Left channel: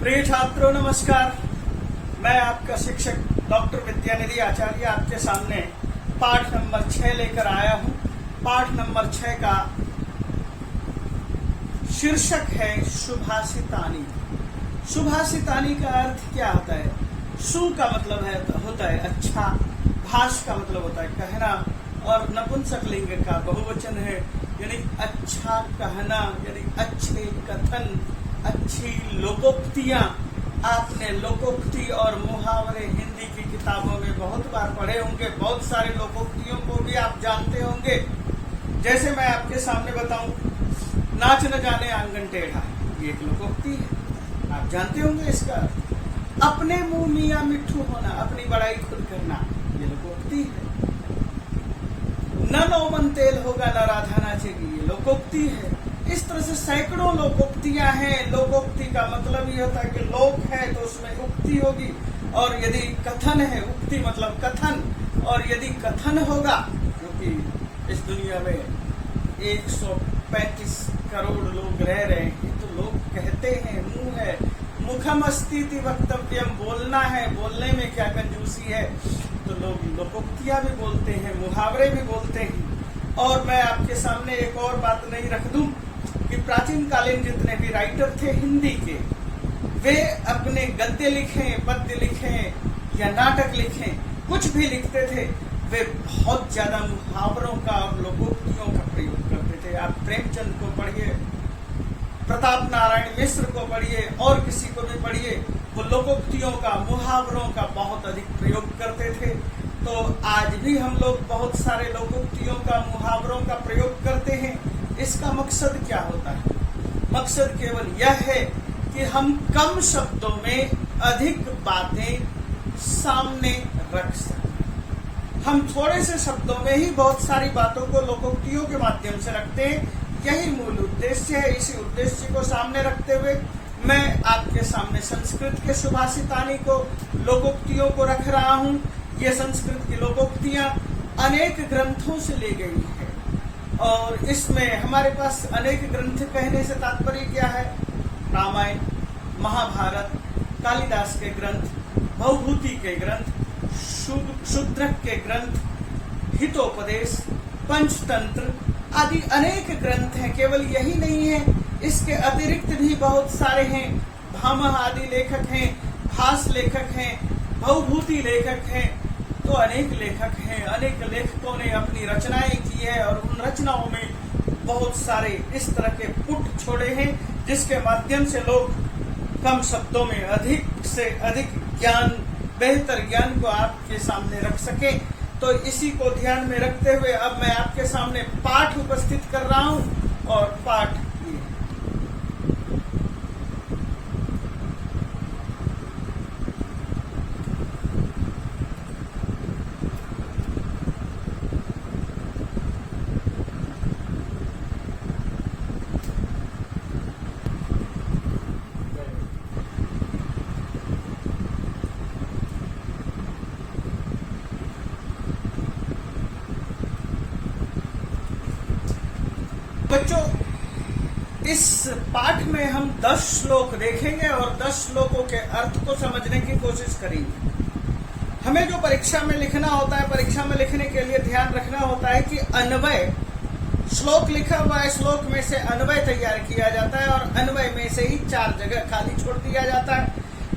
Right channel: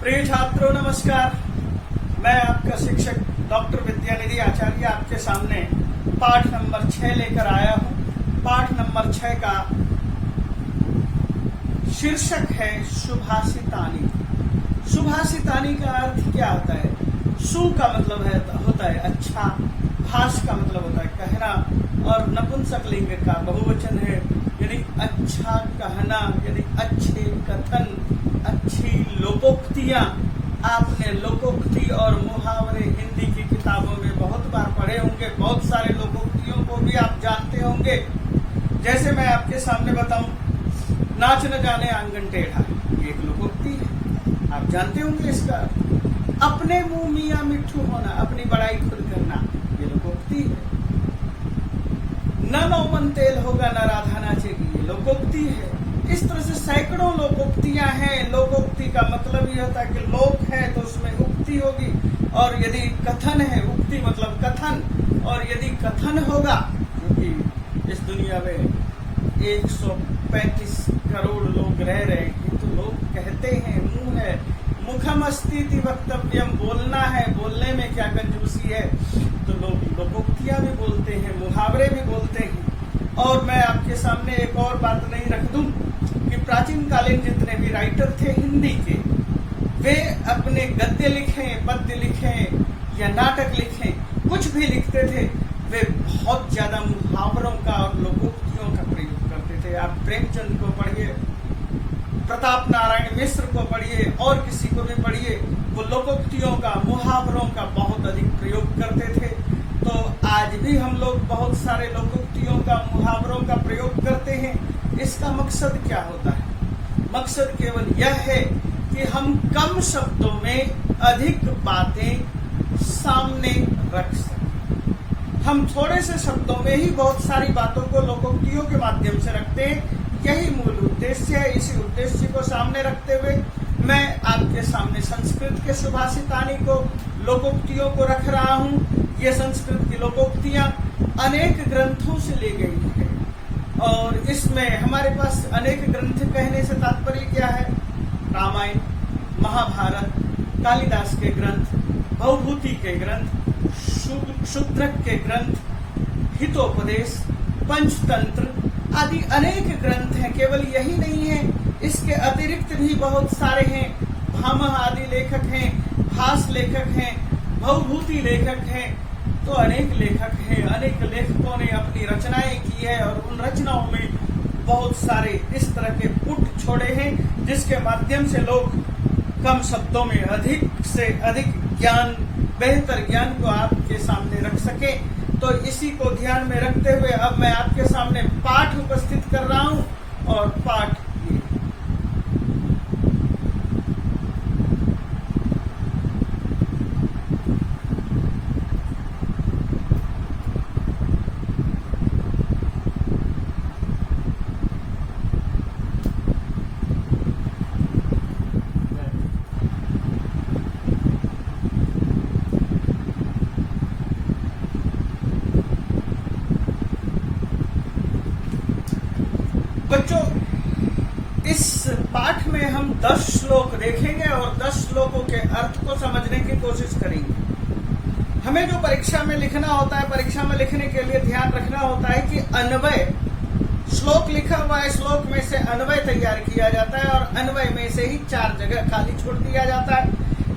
प्रिय छात्रों नमस्कार। मैं आपका शिक्षक डॉक्टर विद्यानिधि आचार्य आपके सामने पाठ नंबर 6 लेकर आया हूं। पाठ नंबर 6 का शीर्षक है शुभाषितानी। शुभाषितानी का अर्थ क्या होता है? सु का मतलब होता है अच्छा, भाष का मतलब होता है कहना, और नपुंसक लिंग का बहुवचन है, यानी अच्छा कहना, यानी अच्छे कथन, अच्छी लोकोक्तियां। आपने लोकोक्ति और मुहावरे हिंदी की किताबों में बहुत बार पढ़े होंगे। बहुत सारे लोकोक्तियों को भी आप जानते होंगे। जैसे मैं आपके सामने बताऊं, नाच न जाने आंगन टेढ़ा, ये एक लोकोक्ति है, आप जानते होंगे इसका। अपने मुंह मियां मिट्ठू होना, अपनी बड़ाई खुद करना, ये लोकोक्ति है। न नौमन तेल होगा न राधा नाचेगी, ये लोकोक्ति है। इस तरह से सैकड़ों लोकोक्तियां हैं। लोकोक्ति का मतलब ये होता है कि लोक है तो उसमें उक्ति होगी, और यदि कथन है, उक्ति मतलब कथन, और यदि कथन होगा, क्योंकि इस दुनिया में 135 करोड़ लोग रह रहे हैं, तो लोग कहते हैं, मुंह है, मुखम अस्तीति वक्तव्यम, बोलना है, बोलने में क्या कंजूसी है, तो लोग लोकोक्तियां भी बोलते हैं, मुहावरे भी बोलते हैं। और मैं आपके सामने एक और बात नहीं रख दूं कि प्राचीन कालीन जितने भी राइटर थे हिंदी के, वे अपने गद्य लिखें, पद्य लिखें या नाटक लिखें, कुछ भी लिखते थे, वे बहुत ज्यादा मुहावरों का और लोकोक्तियों का प्रयोग करते थे। आप प्रेमचंद को पढ़िए, प्रताप नारायण मिश्र को पढ़िए, और किसी को भी पढ़िए, वो लोकोक्तियों का, मुहावरों का बहुत अधिक प्रयोग करते थे। तो आज भी हम लोग बहुत सारे लोकोक्तियों का, मुहावरों का प्रयोग करते हैं। इसका मकसद क्या होता है? मकसद केवल यह है कि हम कम शब्दों में अधिक बातें सामने रख सकें। हम थोड़े से शब्दों में ही बहुत सारी बातों को लोकोक्तियों के माध्यम से रखते हैं। यही मूल उद्देश्य है। इसी उद्देश्य को सामने रखते हुए मैं आपके सामने संस्कृत के शुभाषितानी को, लोकोक्तियों को रख रहा हूं। ये संस्कृत की लोकोक्तियां अनेक ग्रंथों से ली गई है, और इसमें हमारे पास अनेक ग्रंथ कहने से तात्पर्य क्या है? रामायण, महाभारत, कालिदास के ग्रंथ, भवभूति के ग्रंथ, शूद्रक के ग्रंथ, हितोपदेश, पंचतंत्र आदि अनेक ग्रंथ हैं। केवल यही नहीं है, इसके अतिरिक्त भी बहुत सारे हैं। भामह आदि लेखक हैं, भास लेखक हैं, भवभूति लेखक हैं, तो अनेक लेखक हैं। अनेक लेखकों ने अपनी रचनाएं की है, और उन रचनाओं में बहुत सारे इस तरह के पुट छोड़े हैं, जिसके माध्यम से लोग कम शब्दों में अधिक से अधिक ज्ञान, बेहतर ज्ञान को आपके सामने रख सके। तो इसी को ध्यान में रखते हुए अब मैं आपके सामने पाठ उपस्थित कर रहा हूं, और पाठ ये बच्चों, इस पाठ में हम 10 श्लोक देखेंगे और 10 श्लोकों के अर्थ को समझने की कोशिश करेंगे। हमें जो परीक्षा में लिखना होता है, परीक्षा में लिखने के लिए ध्यान रखना होता है कि अन्वय, श्लोक लिखा हुआ है, श्लोक में से अन्वय तैयार किया जाता है, और अन्वय में से ही 4 जगह खाली छोड़ दिया जाता है।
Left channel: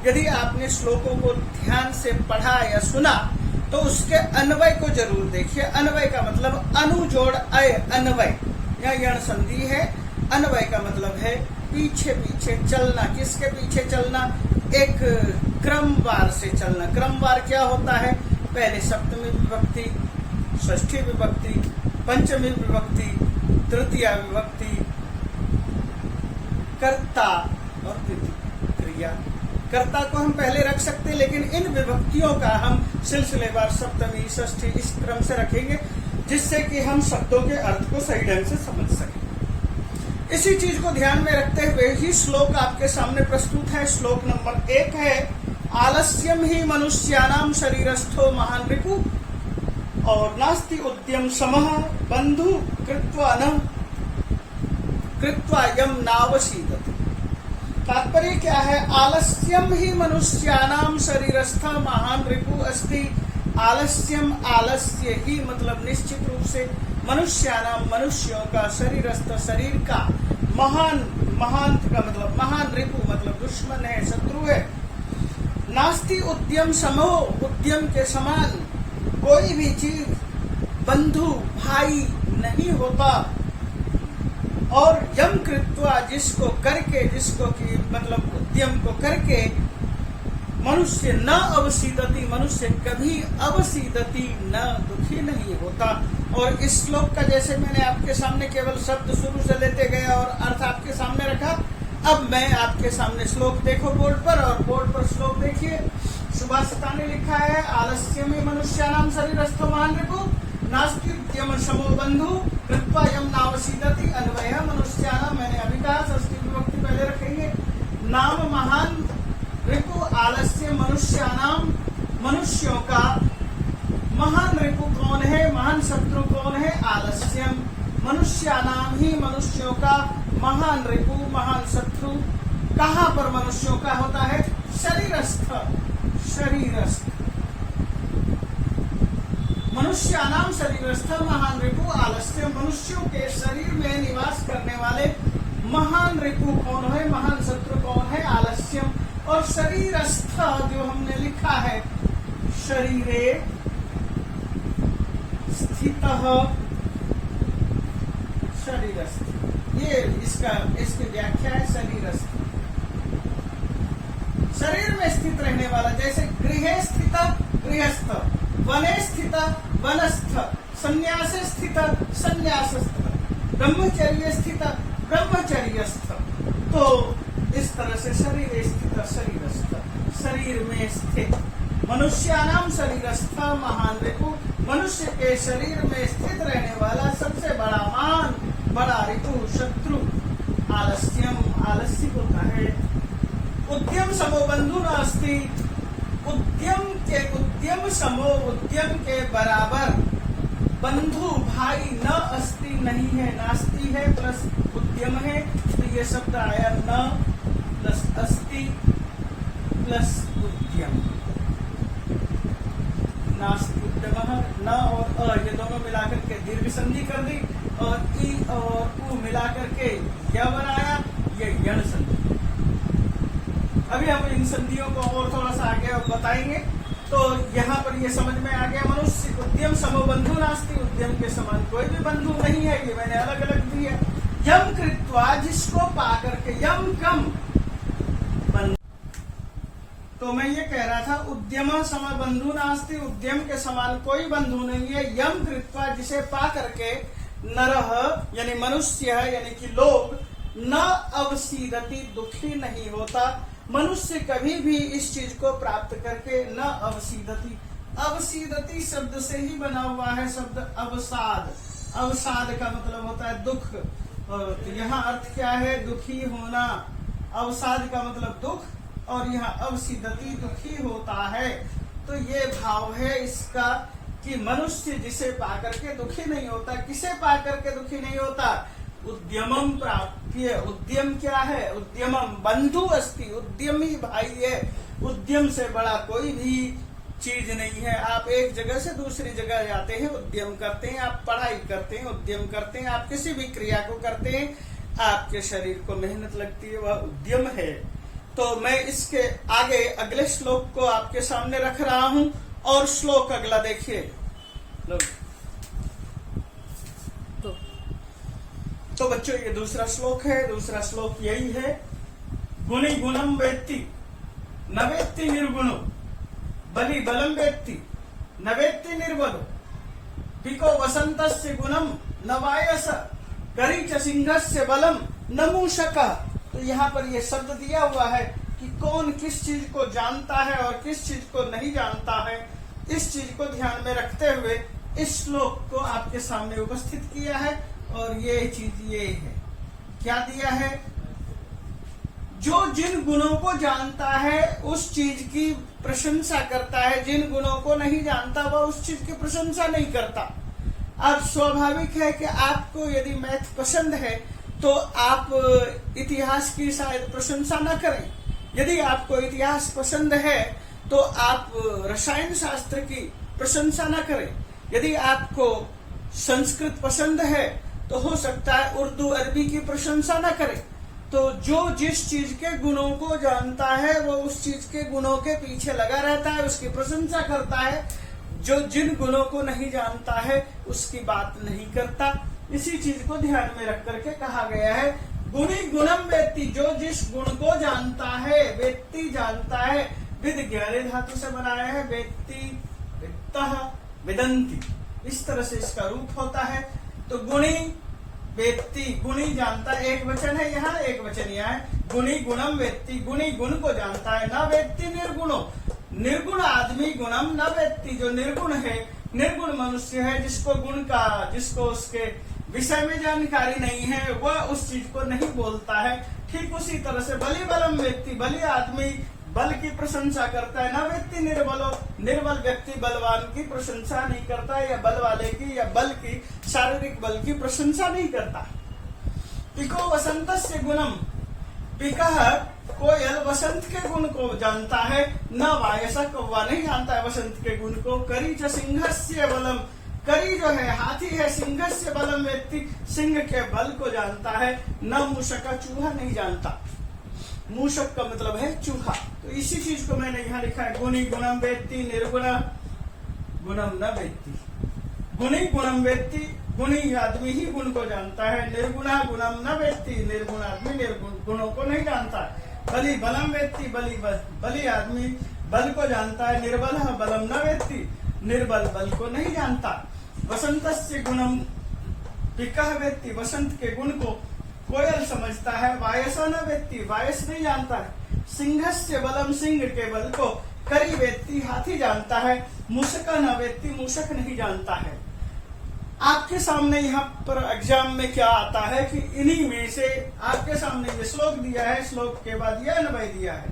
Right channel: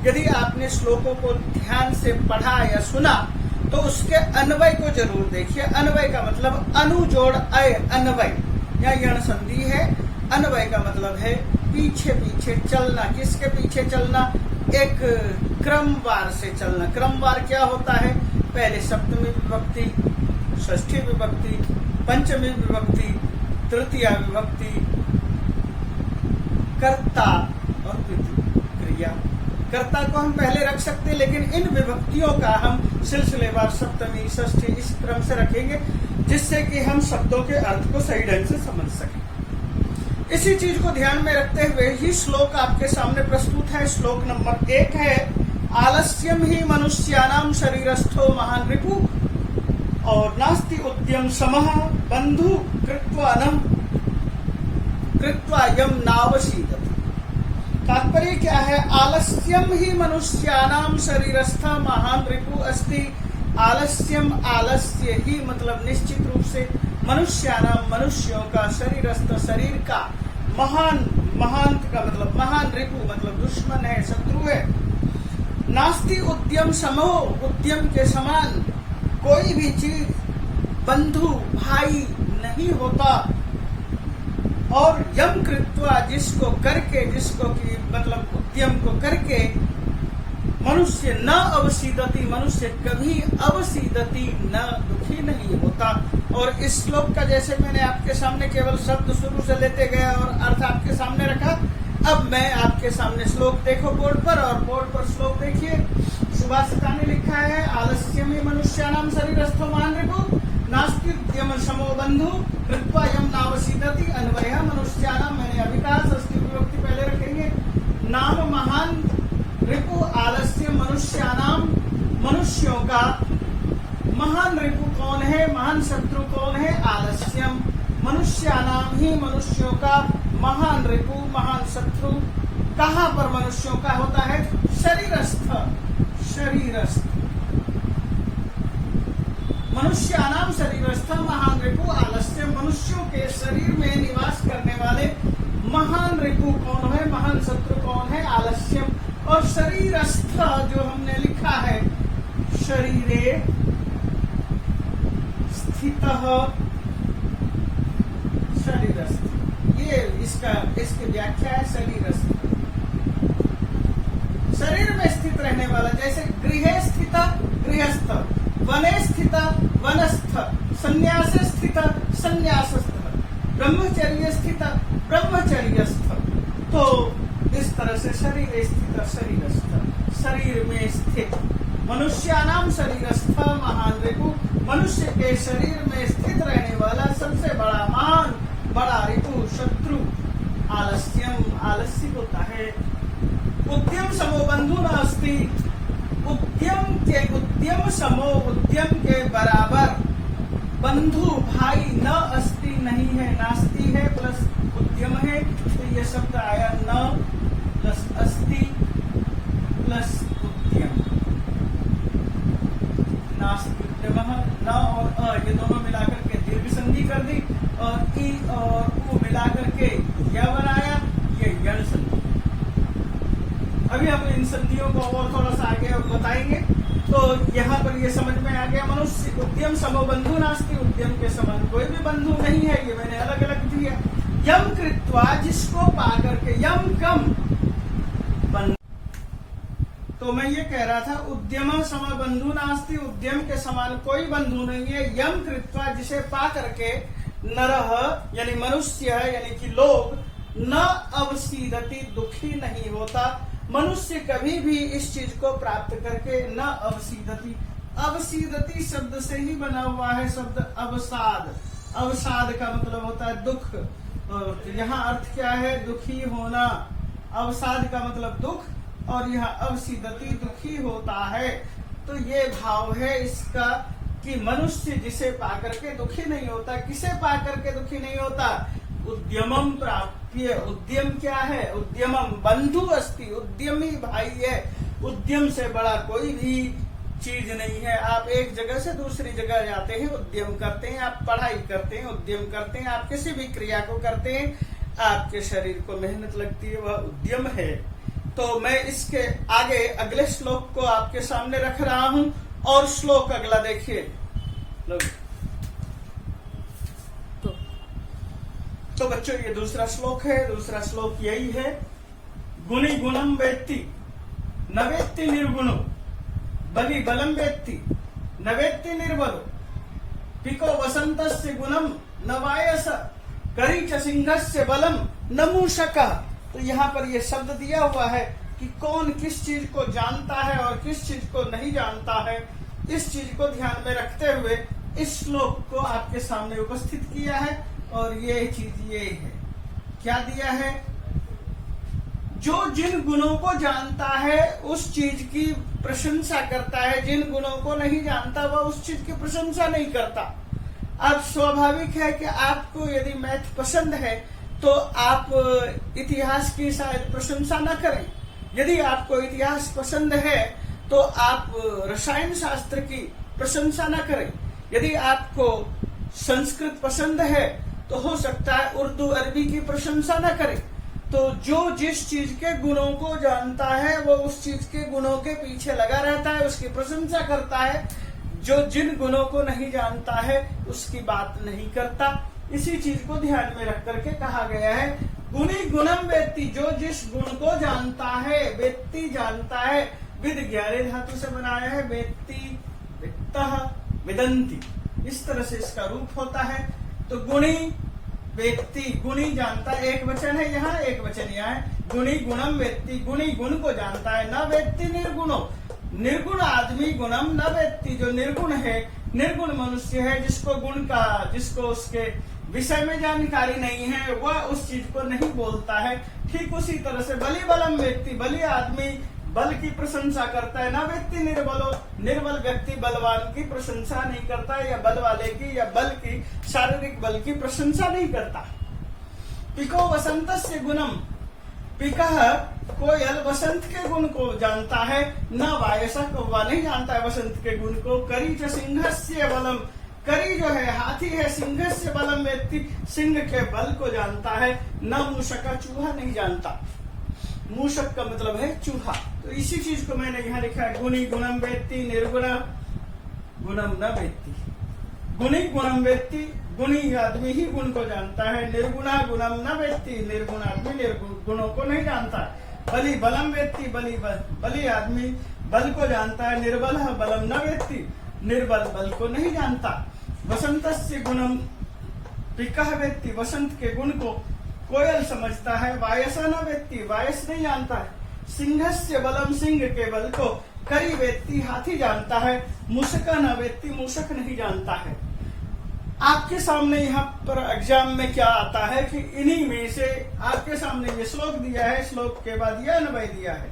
यदि आपने श्लोकों को ध्यान से पढ़ा या सुना, तो उसके अन्वय को जरूर देखिए। अन्वय का मतलब अनु जोड़ अय, अन्वय या यण संधि है। अन्वय का मतलब है पीछे पीछे चलना। किसके पीछे चलना? एक क्रमवार से चलना। क्रमवार क्या होता है? पहले सप्तमी विभक्ति, षष्ठी विभक्ति, पंचमी विभक्ति, तृतीया विभक्ति, कर्ता और क्रिया। कर्ता को हम पहले रख सकते हैं, लेकिन इन विभक्तियों का हम सिलसिलेवार सप्तमी, षष्ठी इस क्रम से रखेंगे, जिससे कि हम शब्दों के अर्थ को सही ढंग से समझ सकें। इसी चीज को ध्यान में रखते हुए ही श्लोक आपके सामने प्रस्तुत है। श्लोक नंबर 1 है, आलस्यम ही मनुष्यानाम शरीरस्थो महान रिपु, और नास्ति उद्यम समः बंधु कृत्वा यम नावशीदति। तात्पर्य क्या है? आलस्यम ही मनुष्यानाम शरीरस्थ महान रिपु अस्ति। आलस्यम, आलस्य ही मतलब निश्चित रूप से मनुष्यानाम मनुष्यों का, शरीरस्थ शरीर का, महान, महान का मतलब महान, रिपु मतलब दुश्मन है, शत्रु है। नास्ति उद्यम समो, उद्यम के समान कोई भी चीज बंधु भाई नहीं होता। और यम कृत्वा, जिसको करके, जिसको कि मतलब उद्यम को करके, मनुष्य न अवसीदति, मनुष्य कभी अवसीदति न दुखी नहीं होता। और इस श्लोक का जैसे मैंने आपके सामने केवल शब्द शुरू से लेते गए और अर्थ आपके सामने रखा, अब मैं आपके सामने श्लोक देखो बोर्ड पर, और बोर्ड पर श्लोक देखिए। सुभाषिता ने लिखा है, आलस्य में मनुष्यानाम शरीरस्थो महान रिपु नास्ति उद्यम समो बंधु कृत्वा यम नावसीदति। अन्वय मनुष्यानाम, मैंने अभी कहा षष्ठी विभक्ति पहले रखेंगे। नाम महान रिपु आलस्य, मनुष्यानाम मनुष्यों का। महान रिपु कौन है? महान शत्रु कौन है? आलस्यम। मनुष्यानाम ही मनुष्यों का महान रिपु, महान शत्रु कहाँ पर मनुष्यों का होता है? शरीरस्थ, शरीरस्थ। मनुष्यानाम शरीरस्थ महान रिपु आलस्य, मनुष्यों के शरीर में निवास करने वाले महान रिपु कौन है? महान शत्रु कौन है? आलस्यम। और शरीरस्थ जो हमने लिखा है, शरीरे स्थितः, शरीरस्थ, ये इसकी व्याख्या है शरीरस्थ, शरीर में स्थित रहने वाला। जैसे गृहे स्थित गृहस्थ, वने स्थित वनस्थ, संन्यास स्थित संन्यासस्थ, ब्रह्मचर्य स्थित ब्रह्मचर्यस्थ। तो इस तरह से शरीर स्थित शरीरस्थ, शरीर में स्थित। मनुष्यानाम शरीरस्थ महान रिपु, मनुष्य के शरीर में स्थित रहने वाला सबसे बड़ा महान, बड़ा रिपु शत्रु आलस्यम, आलस्य होता है। उद्यम समो बंधु नास्ति, उद्यम समो, उद्यम के बराबर बंधु भाई न अस्ति नहीं है, नास्ति है प्लस उद्यम है, तो ये शब्द आया न प्लस अस्ति प्लस उद्यम। नास्ति उद्यम, न और अ ये दोनों मिलाकर के दीर्घ संधि कर दी, और ई और उ मिलाकर के क्या बनाया? ये यण संधि। अभी हम इन संधियों को और थोड़ा सा आगे बताएंगे। तो यहाँ पर ये समझ में आ गया, मनुष्य उद्यम समो बंधु नास्ति, उद्यम के समान कोई भी बंधु नहीं है। ये मैंने अलग अलग दिया। यम कृत्वा, जिसको पा करके, यम कम बंधु। तो मैं ये कह रहा था, उद्यम सम बंधु नास्ति, उद्यम के समान कोई बंधु नहीं है। यम कृत्वा, जिसे पा करके, नरह यानी मनुष्य यानी कि लोग, न अवसीदति दुखी नहीं होता। मनुष्य कभी भी इस चीज को प्राप्त करके न अवसीदति, अवसीदति शब्द से ही बना हुआ है शब्द अवसाद। अवसाद का मतलब होता है दुख, तो यहाँ अर्थ क्या है? दुखी होना। अवसाद का मतलब दुख, और यहाँ अवसीदति दुखी होता है। तो ये भाव है इसका कि मनुष्य जिसे पाकर के दुखी नहीं होता। किसे पाकर के दुखी नहीं होता? उद्यमम प्राप्य। उद्यम क्या है? उद्यमम बंधु अस्ति, उद्यमी भाई है। उद्यम से बड़ा कोई भी चीज नहीं है। आप एक जगह से दूसरी जगह जाते हैं, उद्यम करते हैं। आप पढ़ाई करते हैं, उद्यम करते हैं। आप किसी भी क्रिया को करते हैं, आपके शरीर को मेहनत लगती है, वह उद्यम है। तो मैं इसके आगे अगले श्लोक को आपके सामने रख रहा हूं, और श्लोक अगला देखिए लोग। तो बच्चों ये दूसरा श्लोक है। दूसरा श्लोक यही है, गुणी गुणम वेत्ति न वेत्ति निर्गुणो, बलि बलम वेत्ति न वेत्ति निर्बलो, पिको वसंतस्य गुणम न वायस, करी च सिंहस्य बलम न मूषकः। तो यहाँ पर ये शब्द दिया हुआ है कि कौन किस चीज को जानता है और किस चीज को नहीं जानता है। इस चीज को ध्यान में रखते हुए इस श्लोक को आपके सामने उपस्थित किया है। और ये चीज ये है, क्या दिया है? जो जिन गुणों को जानता है उस चीज की प्रशंसा करता है, जिन गुणों को नहीं जानता वह उस चीज की प्रशंसा नहीं करता। अब स्वाभाविक है कि आपको यदि मैथ पसंद है तो आप इतिहास की शायद प्रशंसा न करें। यदि आपको इतिहास पसंद है तो आप रसायन शास्त्र की प्रशंसा न करें। यदि आपको संस्कृत पसंद है तो हो सकता है उर्दू अरबी की प्रशंसा न करें। तो जो जिस चीज के गुणों को जानता है वो उस चीज के गुणों के पीछे लगा रहता है, उसकी प्रशंसा करता है। जो जिन गुणों को नहीं जानता है उसकी बात नहीं करता। इसी चीज को ध्यान में रख करके कहा गया है गुणी गुणम वेत्ति, जो जिस गुण को जानता है, वेत्ति जानता है, विद ज्ञाने धातु से बनाया है, वेत्ति वित्तः विदन्ति, इस तरह से इसका रूप होता है। तो गुणी वेत्ति, गुणी जानता है, एक वचन है यहाँ, एक वचन यहाँ है। गुणी गुणम वेत्ति, गुणी गुण को जानता है। न वेत्ति निर्गुणो, निर्गुण आदमी गुणम न वेत्ति, जो निर्गुण है, निर्गुण मनुष्य है, जिसको उसके विषय में जानकारी नहीं है, वह उस चीज को नहीं बोलता है। ठीक उसी तरह से बलि बलम व्यक्ति, बलि आदमी बल की प्रशंसा करता है। न व्यक्ति निर्बलो, निर्बल व्यक्ति बलवान की प्रशंसा नहीं करता है, या बल वाले की या बल की, शारीरिक बल की प्रशंसा नहीं करता। पिको वसंतस्य गुणम, पिकः कोयल वसंत के गुण को जानता है, न वायसः कौवा नहीं जानता है वसंत के गुण को। करी च सिंहस्य बलम, करी जो है हाथी है, सिंहस्य बलम व्यक्ति सिंह के बल को जानता है। न मूषक, चूहा नहीं जानता। मूषक का मतलब है चूहा। तो इसी चीज को मैंने यहाँ लिखा है गुणी गुणम वेत्ति, निर्गुण गुणम न वेत्ति। गुणी गुणम वेत्ति, गुणी आदमी ही गुण को जानता है। निर्गुणा गुणम न वेत्ति, निर्गुण आदमी निर्गुण गुणों को नहीं जानता। बलि बलम वेत्ति, बलि आदमी बल को जानता है। निर्बल बलम न वेत्ति, निर्बल बल को नहीं जानता। वसंतस्य गुणम पिकः वेत्ति, वसंत के गुण को कोयल समझता है। वायस न वेत्ति, वायस नहीं जानता है। सिंहस्य बलम, सिंह के बल को करी वेत्ति, हाथी जानता है। मूषक न वेत्ति, मूषक नहीं जानता है। आपके सामने यहाँ पर एग्जाम में क्या आता है कि इन्हीं में से आपके सामने ये श्लोक दिया है, श्लोक के बाद यह अन्वय दिया है।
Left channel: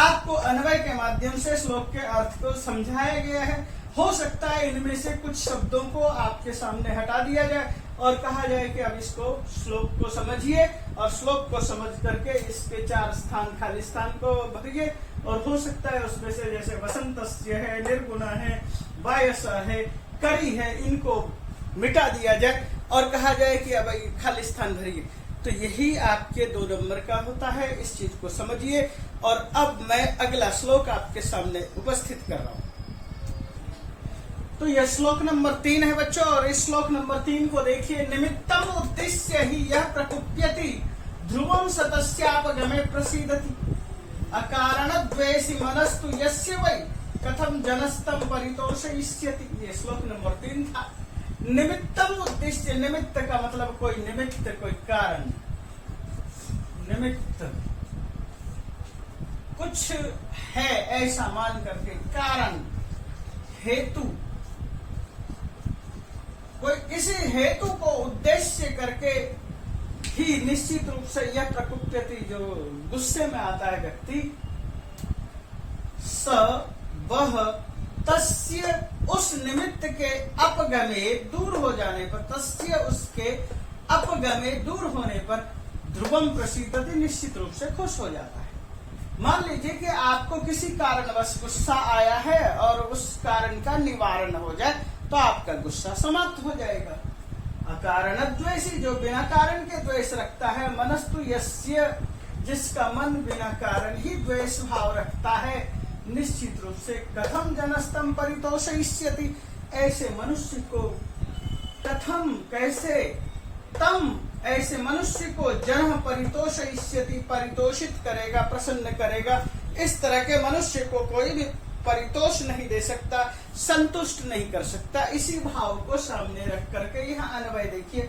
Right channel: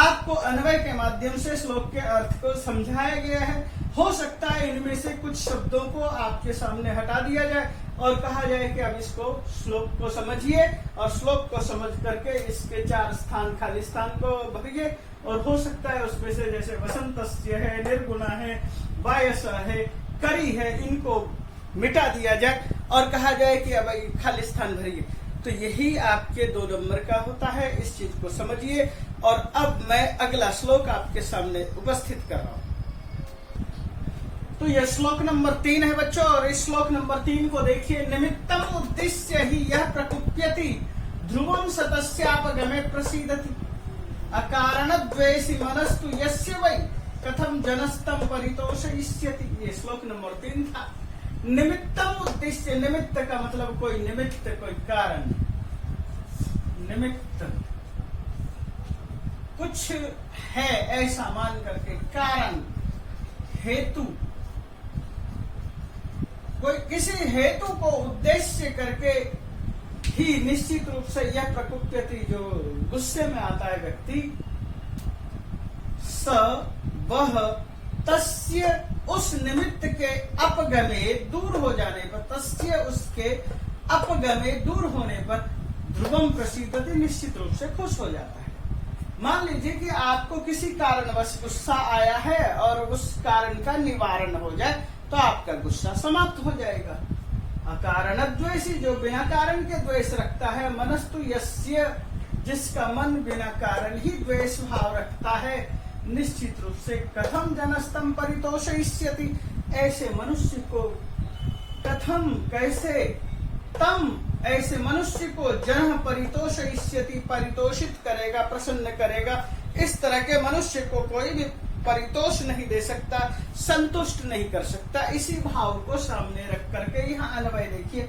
आपको अन्वय के माध्यम से श्लोक के अर्थ को समझाया गया है। हो सकता है इनमें से कुछ शब्दों को आपके सामने हटा दिया जाए और कहा जाए कि अब इसको श्लोक को समझिए, और श्लोक को समझ करके इसके 4 स्थान खाली स्थान को भरिए। और हो सकता है उसमें से जैसे वसंतस्य है, निर्गुणा है, वायस है, करी है, इनको मिटा दिया जाए और कहा जाए कि अब खाली स्थान भरिए। तो यही आपके 2 नंबर का होता है। इस चीज को समझिए। और अब मैं अगला श्लोक आपके सामने उपस्थित कर रहा हूं। तो यह श्लोक नंबर 3 है बच्चों, और इस श्लोक नंबर 3 को देखिए। निमित्तम उद्देश्य ही यह प्रकुप्यति, ध्रुवम सतस्यापगमे प्रसीदति, अकारण द्वेषी मनस्तु यस्य वै, कथम जनस्तम परितोषयिष्यति। ये श्लोक नंबर 3 था। निमित्तम उद्देश्य, निमित्त का मतलब कोई निमित्त, कोई कारण। निमित्त कुछ है ऐसा मान करके, कारण, हेतु, कोई किसी हेतु को उद्देश्य करके ही निश्चित रूप से यह प्रकुप्यति, जो गुस्से में आता है व्यक्ति, स वह तस्य उस निमित्त के अपगमे दूर हो जाने पर, तस्य उसके अपगमे दूर होने पर, ध्रुवम प्रसीदति निश्चित रूप से खुश हो जाता है। मान लीजिए कि आपको किसी कारणवश गुस्सा आया है और उस कारण का निवारण हो जाए तो आपका गुस्सा समाप्त हो जाएगा। अकारण द्वेषी, जो बिना कारण के द्वेष रखता है। मनस्तु यस्य, जिसका मन बिना कारण ही द्वेष भाव रखता है। निश्चित रूप से कथम जनस्तम परितोषयिष्यति, ऐसे मनुष्य को, कथम कैसे, तम ऐसे मनुष्य को जन परितोषयिष्यति, परितोषित करेगा, प्रसन्न करेगा। इस तरह के मनुष्य को कोई भी परितोष नहीं दे सकता, संतुष्ट नहीं कर सकता। इसी भाव को सामने रख करके यहाँ अन्वय देखिए।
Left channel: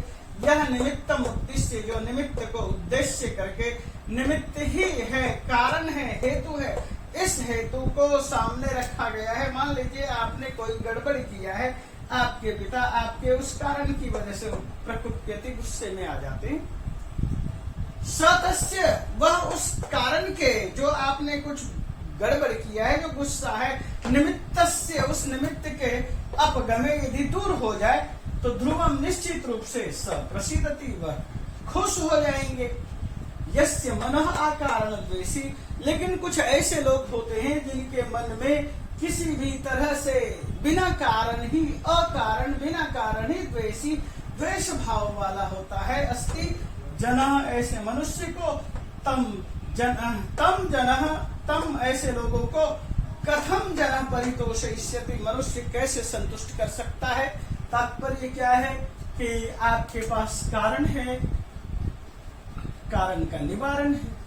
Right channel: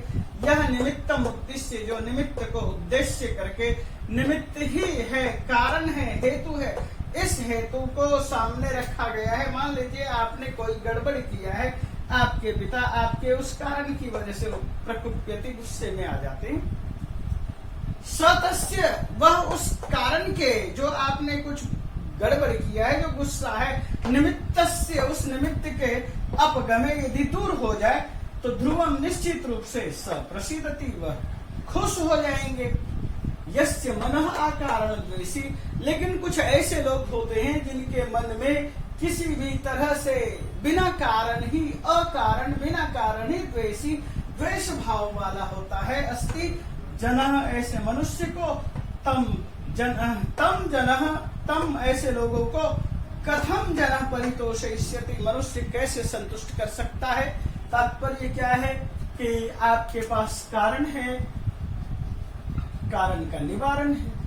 यह निमित्तम उद्देश्य, जो निमित्त को उद्देश्य करके, निमित्त ही है, कारण है, हेतु है, इस हेतु को सामने रखा गया है। मान लीजिए आपने कोई गड़बड़ किया है, आपके पिता आपके उस कारण की वजह से प्रकुप्यति, गुस्से में आ जाते हैं। सतस्य, वह उस कारण के, जो आपने कुछ गड़बड़ किया है, जो गुस्सा है, निमित्तस्य, उस निमित्त के अपगमे यदि दूर हो जाए तो ध्रुवम निश्चित रूप से स प्रसीदति, वह खुश हो जाएंगे। यस्य मनः अकारण द्वेषी, लेकिन कुछ ऐसे लोग होते हैं जिनके मन में किसी भी तरह से बिना कारण ही, अकारण बिना कारण ही द्वेषी, द्वेष भाव वाला होता है। अस्ति जनः, ऐसे मनुष्य को, तम ऐसे लोगों को कथम जनः परितोषयिष्यति, मनुष्य कैसे संतुष्ट कर सकता है। तात्पर्य क्या है कि आपके पास कारण है, कारण का निवारण है।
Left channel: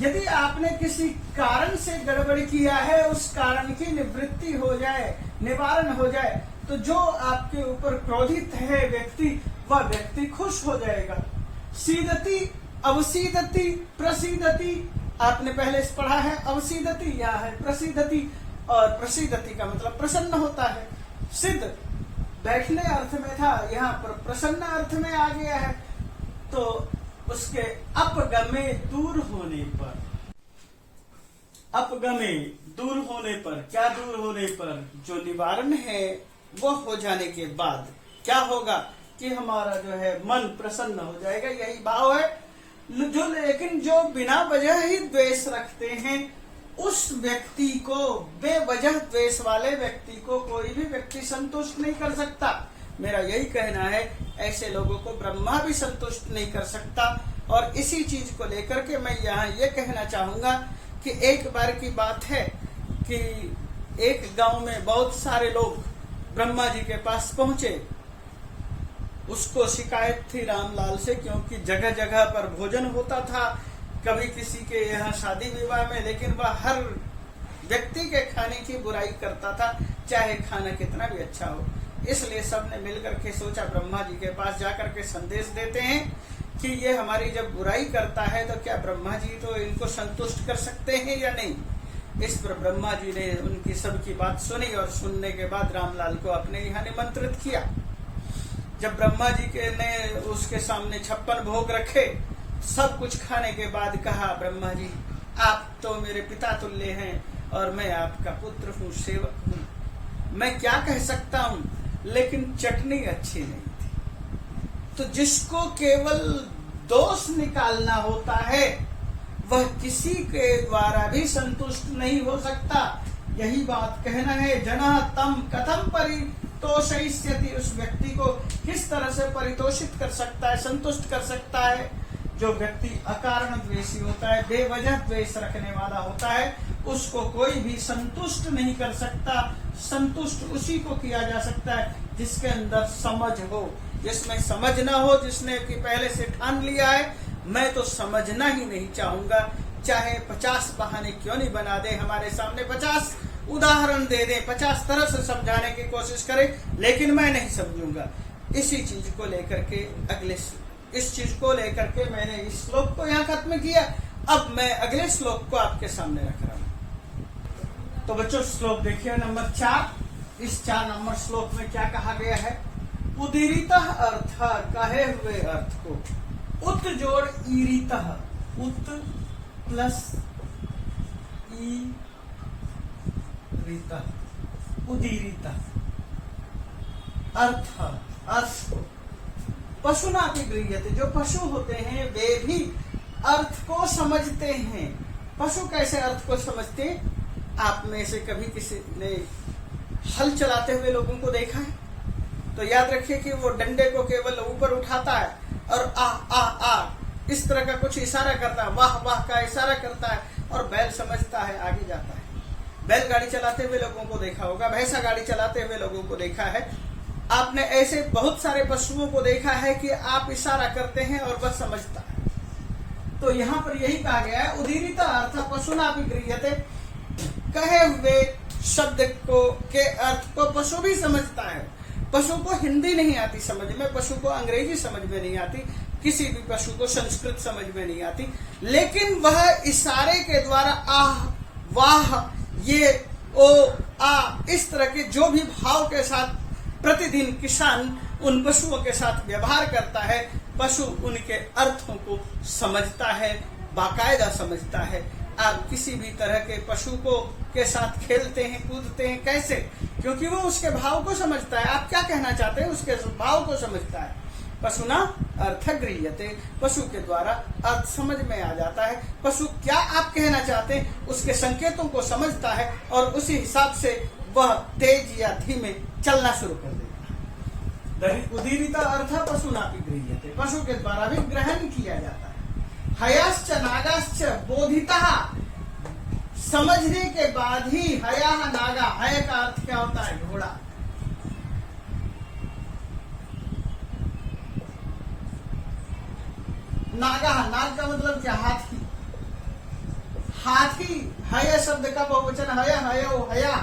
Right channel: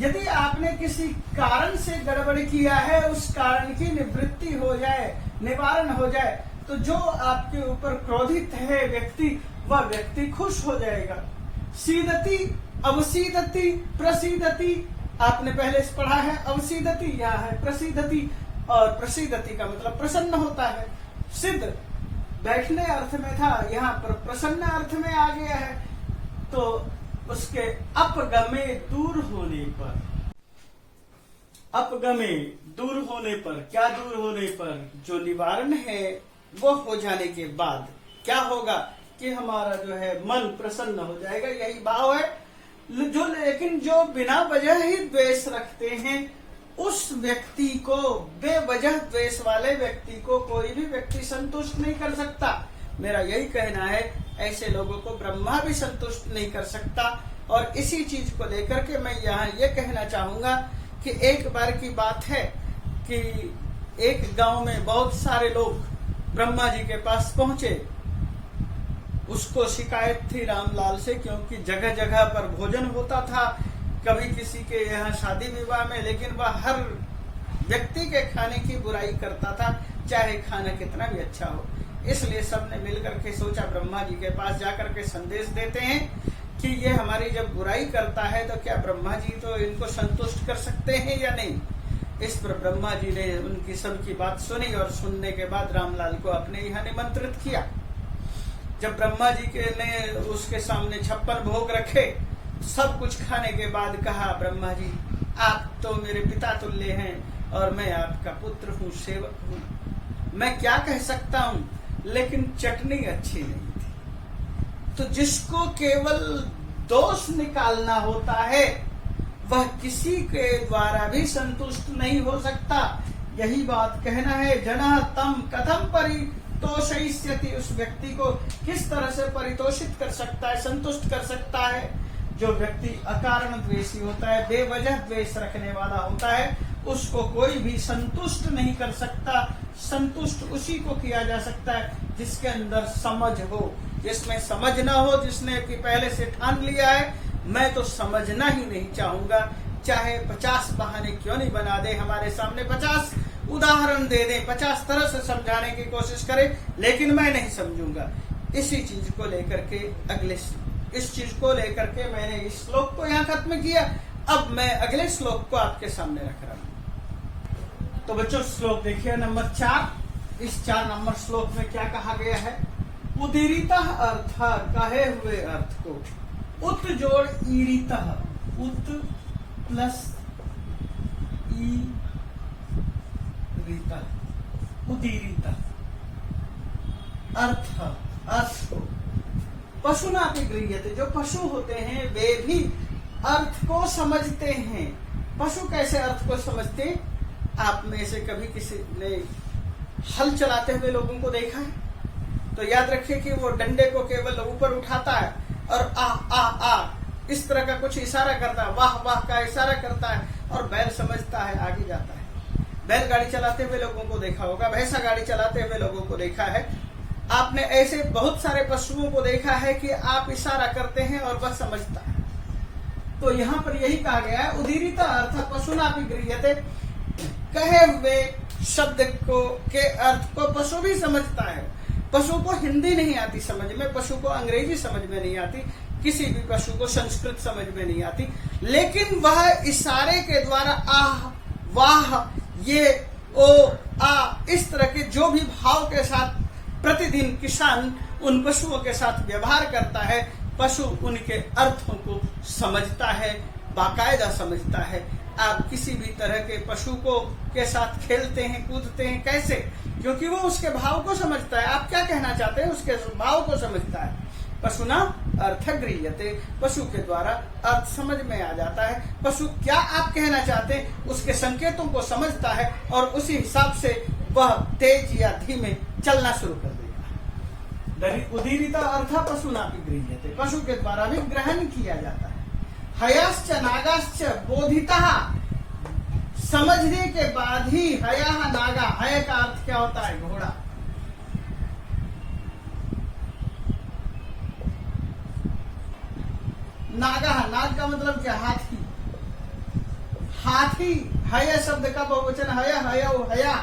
यदि आपने किसी कारण से गड़बड़ किया है, उस कारण की निवृत्ति हो जाए, निवारण हो जाए, तो जो आपके ऊपर क्रोधित है व्यक्ति, वह व्यक्ति खुश हो जाएगा। सीदति, अवसीदति, प्रसीदति, आपने पहले पढ़ा है अवसीदति, यह है प्रसीदति, और प्रसीदति का मतलब प्रसन्न होता है। सिद्ध बैठने अर्थ में था, यहाँ पर प्रसन्न अर्थ में आ गया है। तो उसके अपगमे दूर होने पर, अपगमे दूर होने पर, क्या दूर होने पर, जो निवारण है वो हो जाने के बाद क्या होगा कि हमारा जो है मन प्रसन्न हो जाएगा, यही भाव है। जो लेकिन जो बिना वजह ही द्वेष रखते हैं, उस व्यक्ति को, बेवजह द्वेष वाले व्यक्ति को कोई भी व्यक्ति संतुष्ट नहीं कर सकता। मेरा यही कहना है, ऐसे लोगों को ब्रह्मा भी संतुष्ट नहीं कर सकता। और इसी चीज को लेकर के मैं यहाँ ये कहना चाहूंगा कि एक बार की बात है कि एक गांव में बहुत सारे लोग ब्रह्मा जी के पास पहुंचे। उसको शिकायत थी रामलाल से, क्योंकि जगह जगह पर भोजन होता था, कभी किसी के यहाँ शादी विवाह में, लेकिन वह हर व्यक्ति के खाने की बुराई करता था, चाहे खाना कितना भी अच्छा हो। इसलिए सबने मिलकर के सोचा ब्रह्मा जी के पास जाकर के संदेश देते हैं कि ये हमारी जब बुराई करता है तो क्या ब्रह्मा जी तो इनको संतुष्ट कर सकते हैं या नहीं। इस पर ब्रह्मा जी ने उनकी सबकी बात सुनी और सुनने के बाद रामलाल को अपने यहाँ निमंत्रित किया। जब ब्रह्मा जी के ने उसके सामने 56 भोग रखे, सब कुछ खाने के बाद कहा, ब्रह्मा जी आप तो मेरे पिता तुल्य हैं और मैं आपका पुत्र हूँ, सेवक हूँ, मैं क्या कह सकता हूँ, लेकिन चटनी अच्छी नहीं थी। तो जिसको केवल दोष निकालना होता है, वह किसी के द्वारा भी संतुष्ट नहीं हो सकता। यही बात कहना है, जनः तम कथम परितोषयिष्यति, उस व्यक्ति को किस तरह से परितोषित कर सकता है, संतुष्ट कर सकता है। जो व्यक्ति अकारण द्वेषी होता है, बेवजह द्वेष रखने वाला होता है, उसको कोई भी संतुष्ट नहीं कर सकता। संतुष्ट उसी को किया जा सकता है जिसके अंदर समझ हो, जिसमें समझ ना हो, जिसने कि पहले से ठान लिया है मैं तो समझना ही नहीं चाहूंगा, चाहे 50 बहाने क्यों नहीं बना दे, हमारे सामने 50 उदाहरण दे दे, 50 तरह से समझाने की कोशिश करे, लेकिन मैं नहीं समझूंगा। इसी चीज को लेकर के इस चीज को लेकर के मैंने इस श्लोक को यहाँ खत्म किया। अब मैं अगले श्लोक को आपके सामने रख रहा हूं। तो बच्चों श्लोक देखिए नंबर 4। इस 4 नंबर श्लोक में क्या कहा गया है, उदीरितः अर्थ, कहे हुए अर्थ को, उत जोड़ ईरितः, उत प्लस ईरितः, उदीरितः अर्थ को पशुना भी गृह्यते, जो पशु होते हैं वे भी अर्थ को समझते हैं। पशु कैसे अर्थ को समझते? आप में से कभी किसी ने हल चलाते हुए लोगों को देखा है? तो याद रखिए कि वो डंडे को केवल ऊपर उठाता है और आ आ आ इस तरह का कुछ इशारा करता है, वाह वाह का इशारा करता है, और बैल समझता है, आगे जाता है। बैलगाड़ी चलाते हुए लोगों को देखा होगा, भैंसा गाड़ी चलाते हुए लोगों को देखा है। आपने ऐसे बहुत सारे पशुओं को देखा है कि आप इशारा करते हैं और वह समझता है। तो यहाँ पर यही कहा गया है, उदीरित अर्थ पशुना भी गृह्यते, कहे हुए शब्द को के अर्थ को पशु भी समझता है। पशु को हिंदी नहीं आती समझ में, पशु को अंग्रेजी समझ में नहीं आती, किसी भी पशु को संस्कृत समझ में नहीं आती, लेकिन वह इशारे के द्वारा आह वाह ये ओ आ इस तरह के जो भी भाव के साथ प्रतिदिन किसान उन पशुओं के साथ व्यवहार करता है, पशु उनके अर्थों को समझता है, बाकायदा समझता है। आप किसी भी तरह के पशु को के साथ खेलते हैं, कूदते हैं, कैसे? क्योंकि वो उसके भाव को समझता है। आप क्या कहना चाहते हैं, उसके भाव को समझता है। पशु ना अर्थ गृह्यते, पशु के द्वारा अर्थ समझ में आ जाता है। पशु क्या आप कहना चाहते हैं उसके संकेतों को समझता है और उसी हिसाब से वह तेज या धीमे चलना शुरू कर देगा। उदीरिता अर्थ पशुनापि गृह्यते, पशु के द्वारा भी ग्रहण किया जाता है। हयाश्च नागाश्च बोधितः, समझने के बाद ही हया नागा, हय का अर्थ क्या होता है? घोड़ा। नागा, नाग का मतलब क्या? हाथी। हाथी, हय शब्द का बहुवचन हय, हयो हया,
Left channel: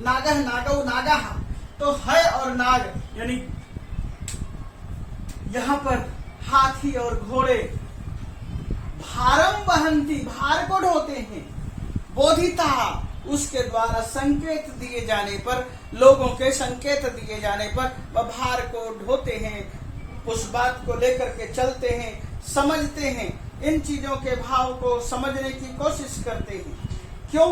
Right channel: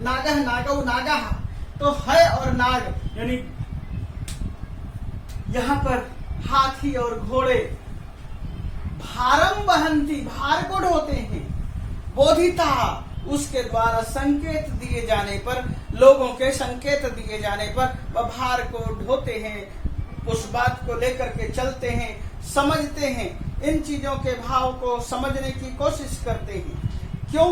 नागह नागौ नागाह। तो हय और नाग यानी यहां पर हाथी और घोड़े भारम वहंती, भार को ढोते हैं। बोधिता, उसके द्वारा संकेत दिए जाने पर, लोगों के संकेत दिए जाने पर वह भार को ढोते हैं, उस बात को लेकर के चलते हैं, समझते हैं, इन चीजों के भाव को समझने की कोशिश करते हैं। क्यों?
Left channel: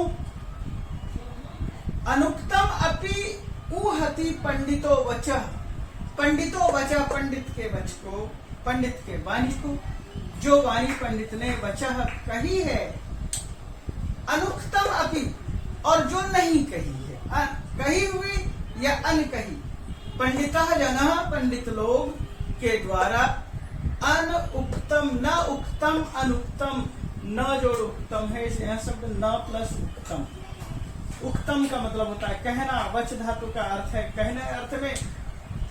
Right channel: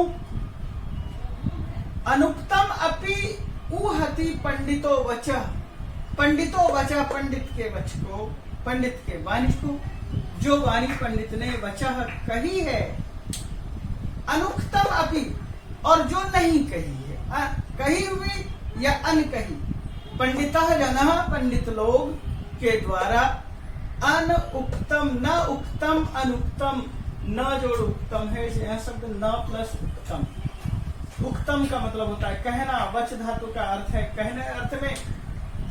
अनुक्तम अपि ऊहति पंडितो वचः, पंडितो वचः, पंडित के वच को, पंडित के वाणी को, जो वाणी पंडित ने वचः कही है, अनुक्तम अपि, और जो नहीं कही है, कही हुई या अनकही। पंडितः जनः, पंडित लोग के द्वारा, अन उक्तम, न उक्तम, अनुक्तम, न जोड़ उक्तम है, यह शब्द न प्लस उक्तम। उक्तम का मतलब होता है कहना, वच धातु का अर्थ है कहने अर्थ में।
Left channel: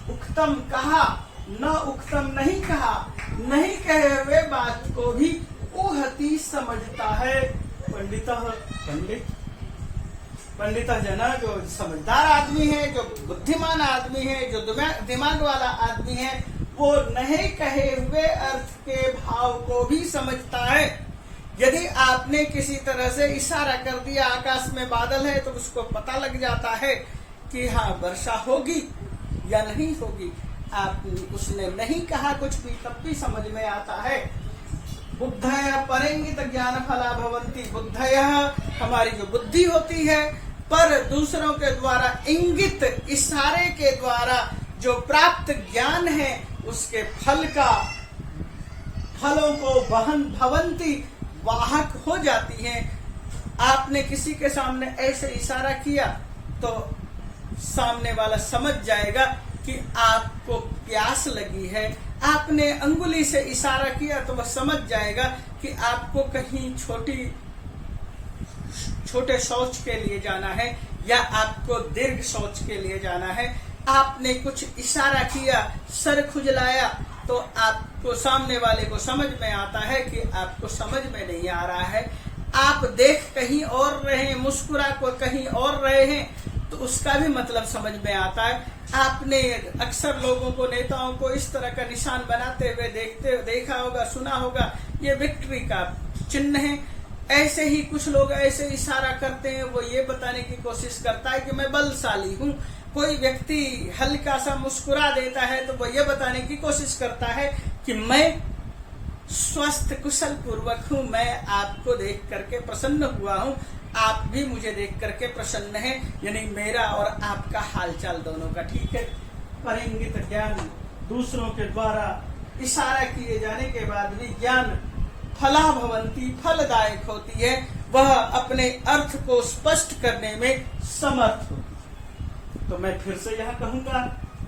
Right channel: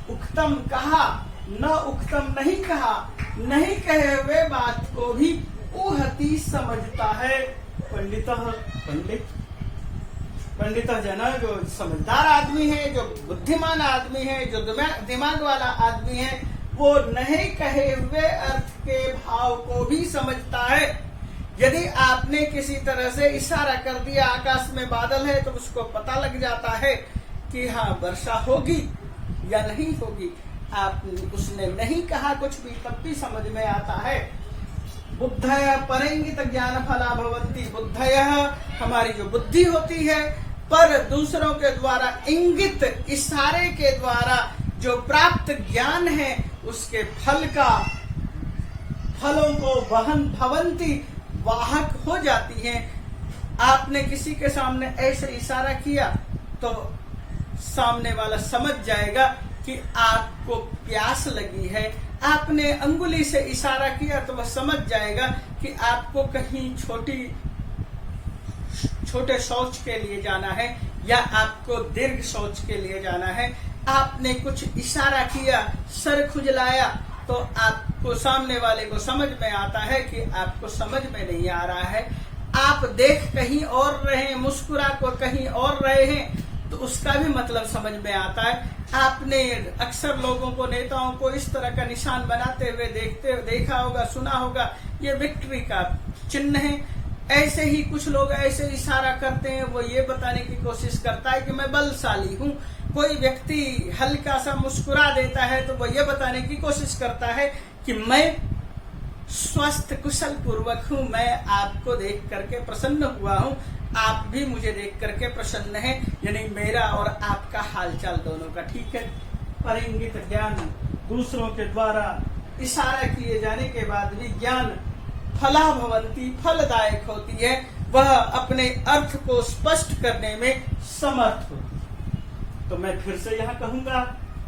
उक्तम कहा, न उक्तम नहीं कहा, नहीं कहे हुए बात को भी ऊहति समझता है। पंडित, पंडित, पंडित जना, जो समझदार आदमी है, जो बुद्धिमान आदमी है, जो दिमाग वाला आदमी है, वो नहीं कहे हुए अर्थ के भाव को भी समझता है। यदि आपने किसी तरह से इशारा कर दिया, आकाश में बादल है, तो उसको पता लग जाता है कि हाँ वर्षा होगी या नहीं होगी। आप उसने नहीं कहा कुछ भी, तब भी समझ में आता है। बुद्धय परंगित ज्ञान फला भवंती, बुद्धय हमारी जो बुद्धि होती है, पर दूसरों के द्वारा इंगित, इशारे के द्वारा जो प्राप्त ज्ञान है, उसके फल का, फलों को वहन भवंती, वाहक हो जाती हैं। आपने किसी के सामने ऐसे इशारा किया तो सामने वाला समझ जाएगा कि आपको प्यास लगी है। आपने अंगुली से इशारा किया तो वह समझ जाएगा कि आपको कहीं छोटे शौच के लिए जाना है या आपको दीर्घ शौच के लिए जाना है। आपने कुछ इशारा किया, सर खुजलाया, तो आपको सामने वाले को समझ में आता है कि आपको समझ में नहीं आ रहा है। आप देख कहीं और रहे हैं, मुस्कुरा को कहीं और रहे हैं, तो उसका भी मतलब समझ में आता है। आपने अक्सर लोगों को, नेताओं को इस तरह का निशान बनाते हुए देखा होगा, सुना होगा, ये विक्ट्री का चिन्ह है। ऐसे ही कुछ लोग ऐसे इशारा करते हैं, वो ये बताने की कोशिश करता है कि मैं बलशाली हूँ। कोई व्यक्ति हल्का सा मुस्कुरा देता है तो वो ये बताने की कोशिश करता है कि मैं स्वस्थ कुशल पूर्वक हूँ, मैं आपको देख करके प्रसन्न हुआ हूँ, आप भी मुझे देख करके प्रसन्न हैं, यानी मेरा और आपका हालचाल दोनों का ठीक है। परिंगित ज्ञान, दूसरों के द्वारा इशारा किए जाने के बाद भी ज्ञान फला भवंती, फलदायक होती है, वह अपने अर्थ को स्पष्ट करने में समर्थ होती है। तो मैं फिर से यह कहूंगा,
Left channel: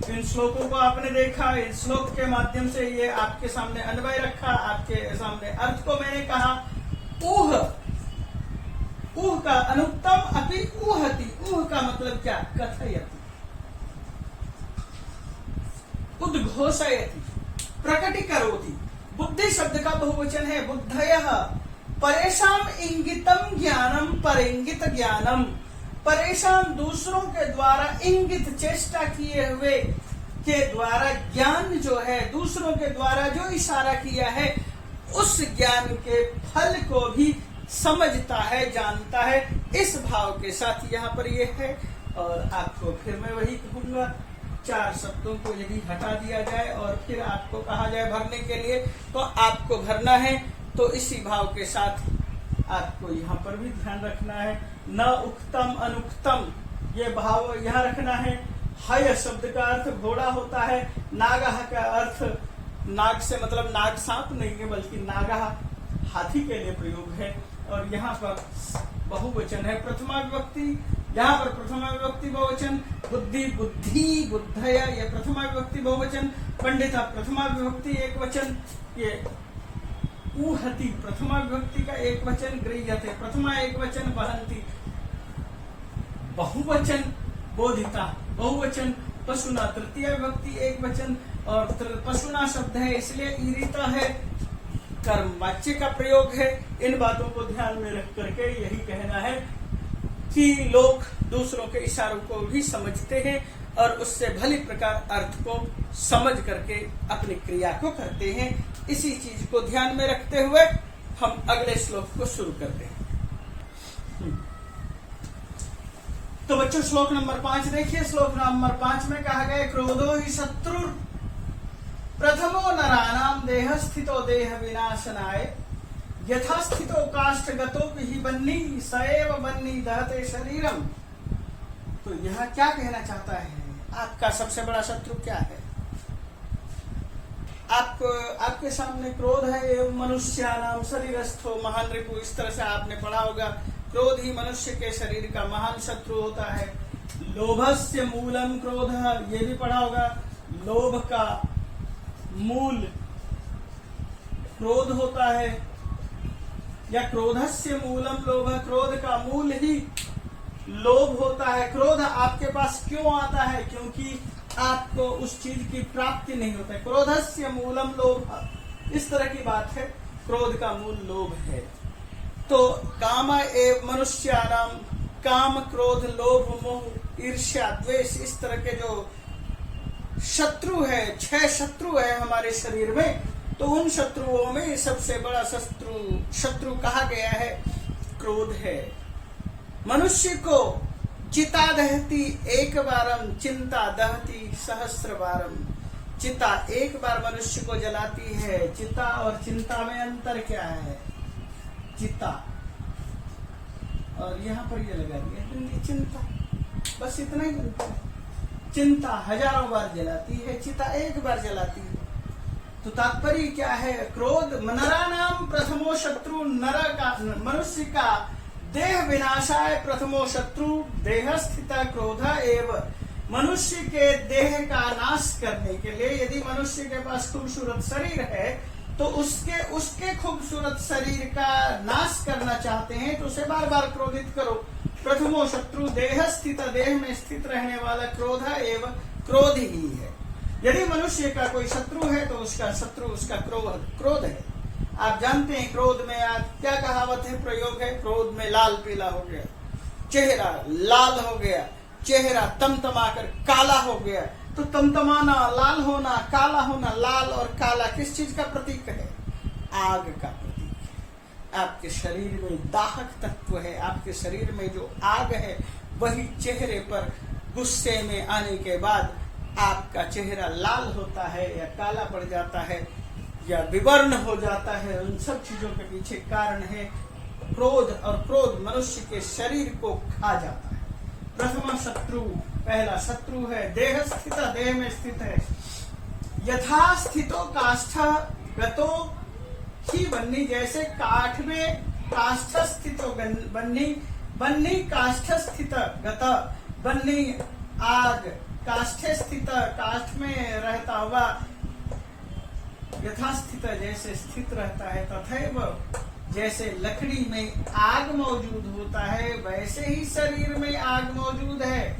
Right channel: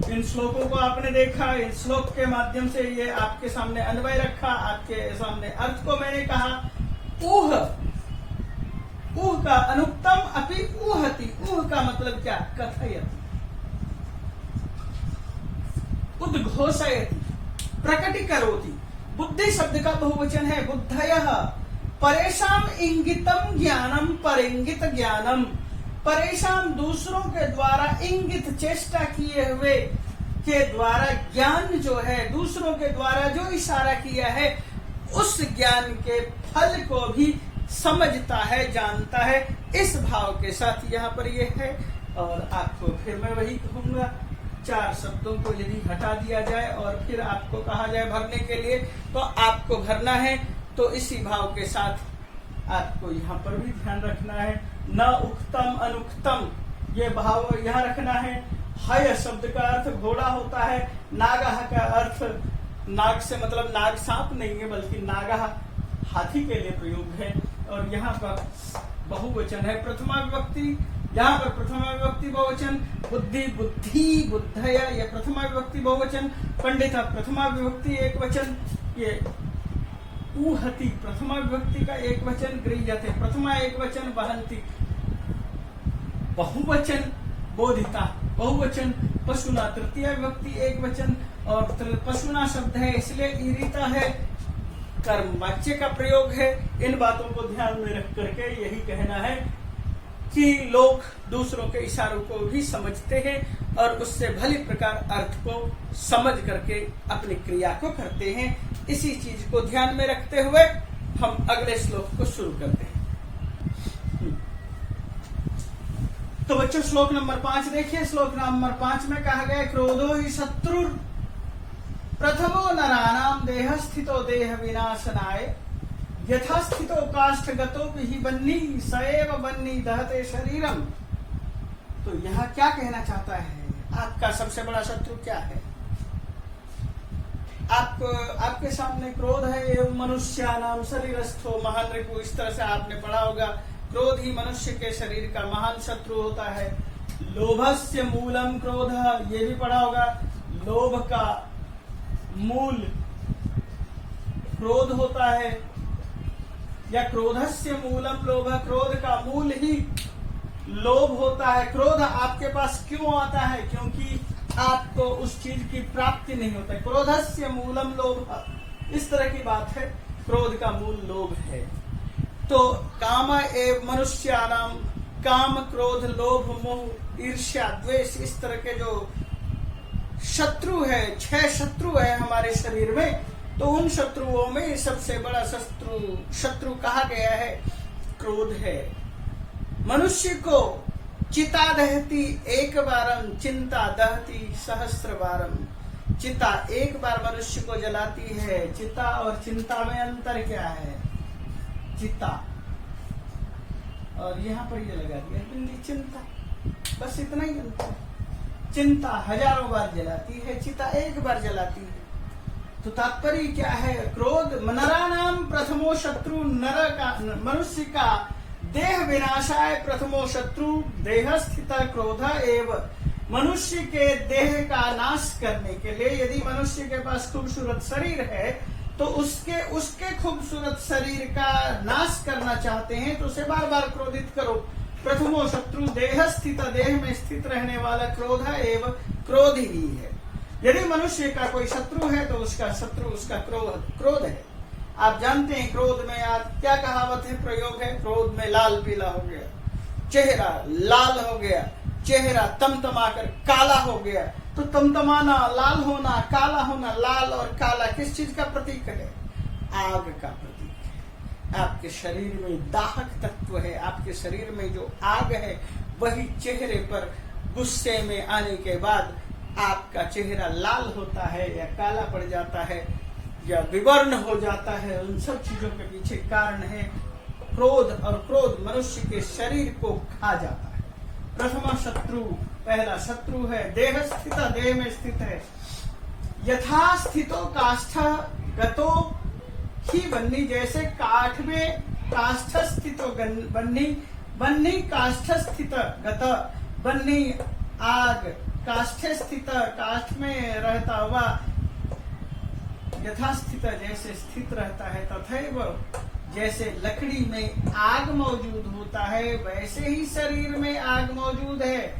इन श्लोकों को आपने देखा, इन श्लोक के माध्यम से ये आपके सामने अन्वय रखा, आपके सामने अर्थ को मैंने कहा। ऊह, ऊह का अनुक्तम अपि ऊहति, ऊह का मतलब क्या? कथयति, उद्घोषयति, प्रकटीकरोति। बुद्धि शब्द का बहुवचन है बुद्धयः। परेशान इंगितम ज्ञानम परिंगित ज्ञानम, परेशान दूसरों के द्वारा इंगित, चेष्टा किए हुए के द्वारा ज्ञान जो है, दूसरों के द्वारा जो इशारा किया है, उस ज्ञान के फल को भी समझता है, जानता है। इस भाव के साथ यहाँ पर ये है। और आपको फिर मैं वही कहूंगा, 4 शब्दों को यदि हटा दिया जाए और फिर आपको कहा जाए भरने के लिए, तो आपको भरना है तो इसी भाव के साथ आपको यहाँ पर भी ध्यान रखना है। न उक्तम अनुक्तम, ये भाव यहाँ रखना है। हय शब्द का अर्थ घोड़ा होता है, नागह का अर्थ नाग से मतलब नाग सांप नहीं है, बल्कि नागा हाथी के लिए प्रयोग है। और यहाँ पर बहुवचन है प्रथमा विभक्ति। यहाँ पर प्रथमा विभक्ति बहुवचन, बुद्धि बुद्धि बुद्धय ये प्रथमा विभक्ति बहुवचन, पंडित प्रथमा विभक्ति एक वचन, ये ऊहति प्रथमा विभक्ति का एक वचन, गृह्यते प्रथमा एक वचन, वहंती बहुवचन, बोधिता बहुवचन, पशुना तृतीय विभक्ति एक वचन। और पशुना शब्द है इसलिए ईरिता है, कर्म वाच्य का प्रयोग है। इन बातों को ध्यान में रख करके यही कहना है कि लोग दूसरों के इशारों को भी समझते हैं और उससे भली प्रकार अर्थ को समझ करके अपनी क्रिया को करते हैं। इसी चीज को ध्यान में रखते हुए हम अगले श्लोक को शुरू करते हैं। तो बच्चों श्लोक नंबर 5 देखिए। श्लोक नंबर 5 में कहा गया क्रोधो ही शत्रु प्रथमो नराणाम देह स्थितो देह विनाशनाय यथा स्थितो काष्ठगतो ही बन्नी सएव बन्नी दहते शरीरम। तो यह क्या कहना चाहता है? आपका सबसे बड़ा शत्रु क्या है? आपके सामने क्रोध है, ये मनुष्यानाम शरीरस्थो महान रिपु, इस तरह से आपने पढ़ा होगा। क्रोध ही मनुष्य के शरीर का महान शत्रु होता है। लोभस्य मूलम क्रोध, ये भी पढ़ा होगा। लोभ का मूल क्रोध होता है, या क्रोधस्य मूलम लोभ, क्रोध का मूल ही लोभ होता है। क्रोध आपके पास क्यों आता है? क्योंकि आपको उस चीज की प्राप्ति नहीं होता है। क्रोधस्य मूलम लोभ, इस तरह की बात है। क्रोध का मूल लोभ है। तो काम एव मनुष्यानाम, काम क्रोध लोभ मोह ईर्ष्या द्वेष, इस तरह के जो शत्रु है, 6 शत्रु है हमारे शरीर में। तो उन शत्रुओं में सबसे बड़ा शत्रु कहा गया है क्रोध है। मनुष्य को चिता दहती एक बारम चिंता दहती सहस्र बारम। चिता एक बार मनुष्य को जलाती है। चिता और चिंता में अंतर क्या है? चिता, और यहाँ पर ये लगा दिया चिंता, बस इतना ही बनता है। चिंता हजारों बार जलाती है, चिता एक बार जलाती है। तो तात्पर्य क्या है? क्रोध नराणाम प्रथमो शत्रु, नर का मनुष्य का देह विनाशाय प्रथमो शत्रु देह स्थित क्रोध एव। मनुष्य के देह का नाश करने के लिए यदि मनुष्य के पास खूबसूरत शरीर है तो उसके खूबसूरत शरीर का नाश करना चाहते हैं तो उसे बार बार क्रोधित करो। प्रथमो शत्रु देह स्थित, देह में स्थित रहने वाला क्रोध एवं क्रोध ही है। यदि मनुष्य का कोई शत्रु है तो उसका शत्रु उसका क्रोध है। आप जानते हैं क्रोध में आज क्या कहावत है, प्रयोग है? क्रोध में लाल पीला हो गया, चेहरा लाल हो गया, चेहरा तमतमाकर काला हो गया। तो तमतमाना, लाल होना, काला होना, लाल और काला किस चीज का प्रतीक है? आग का प्रतीक है। आपके शरीर में दाहक तत्व है, आपके शरीर में जो आग है वही चेहरे पर गुस्से में आने के बाद आपका चेहरा लाल होता है या काला पड़ जाता है या विवर्ण हो जाता है। उन सब चीजों के पीछे कारण है क्रोध, और क्रोध मनुष्य के शरीर को खा जाता है। प्रथम शत्रु, पहला शत्रु है देह स्थित, देह में स्थित है। यथा स्थितो काष्ठ गतो ही बन्नी, जैसे काठ में काष्ठ स्थितो बन्नी, बन्नी काष्ठ स्थित गत, बन्नी आग काष्ठ स्थित, काष्ठ में रहता हुआ, यथा स्थित जैसे स्थित रहता है, तथैव जैसे लकड़ी में आग मौजूद होता है वैसे ही शरीर में आग मौजूद है।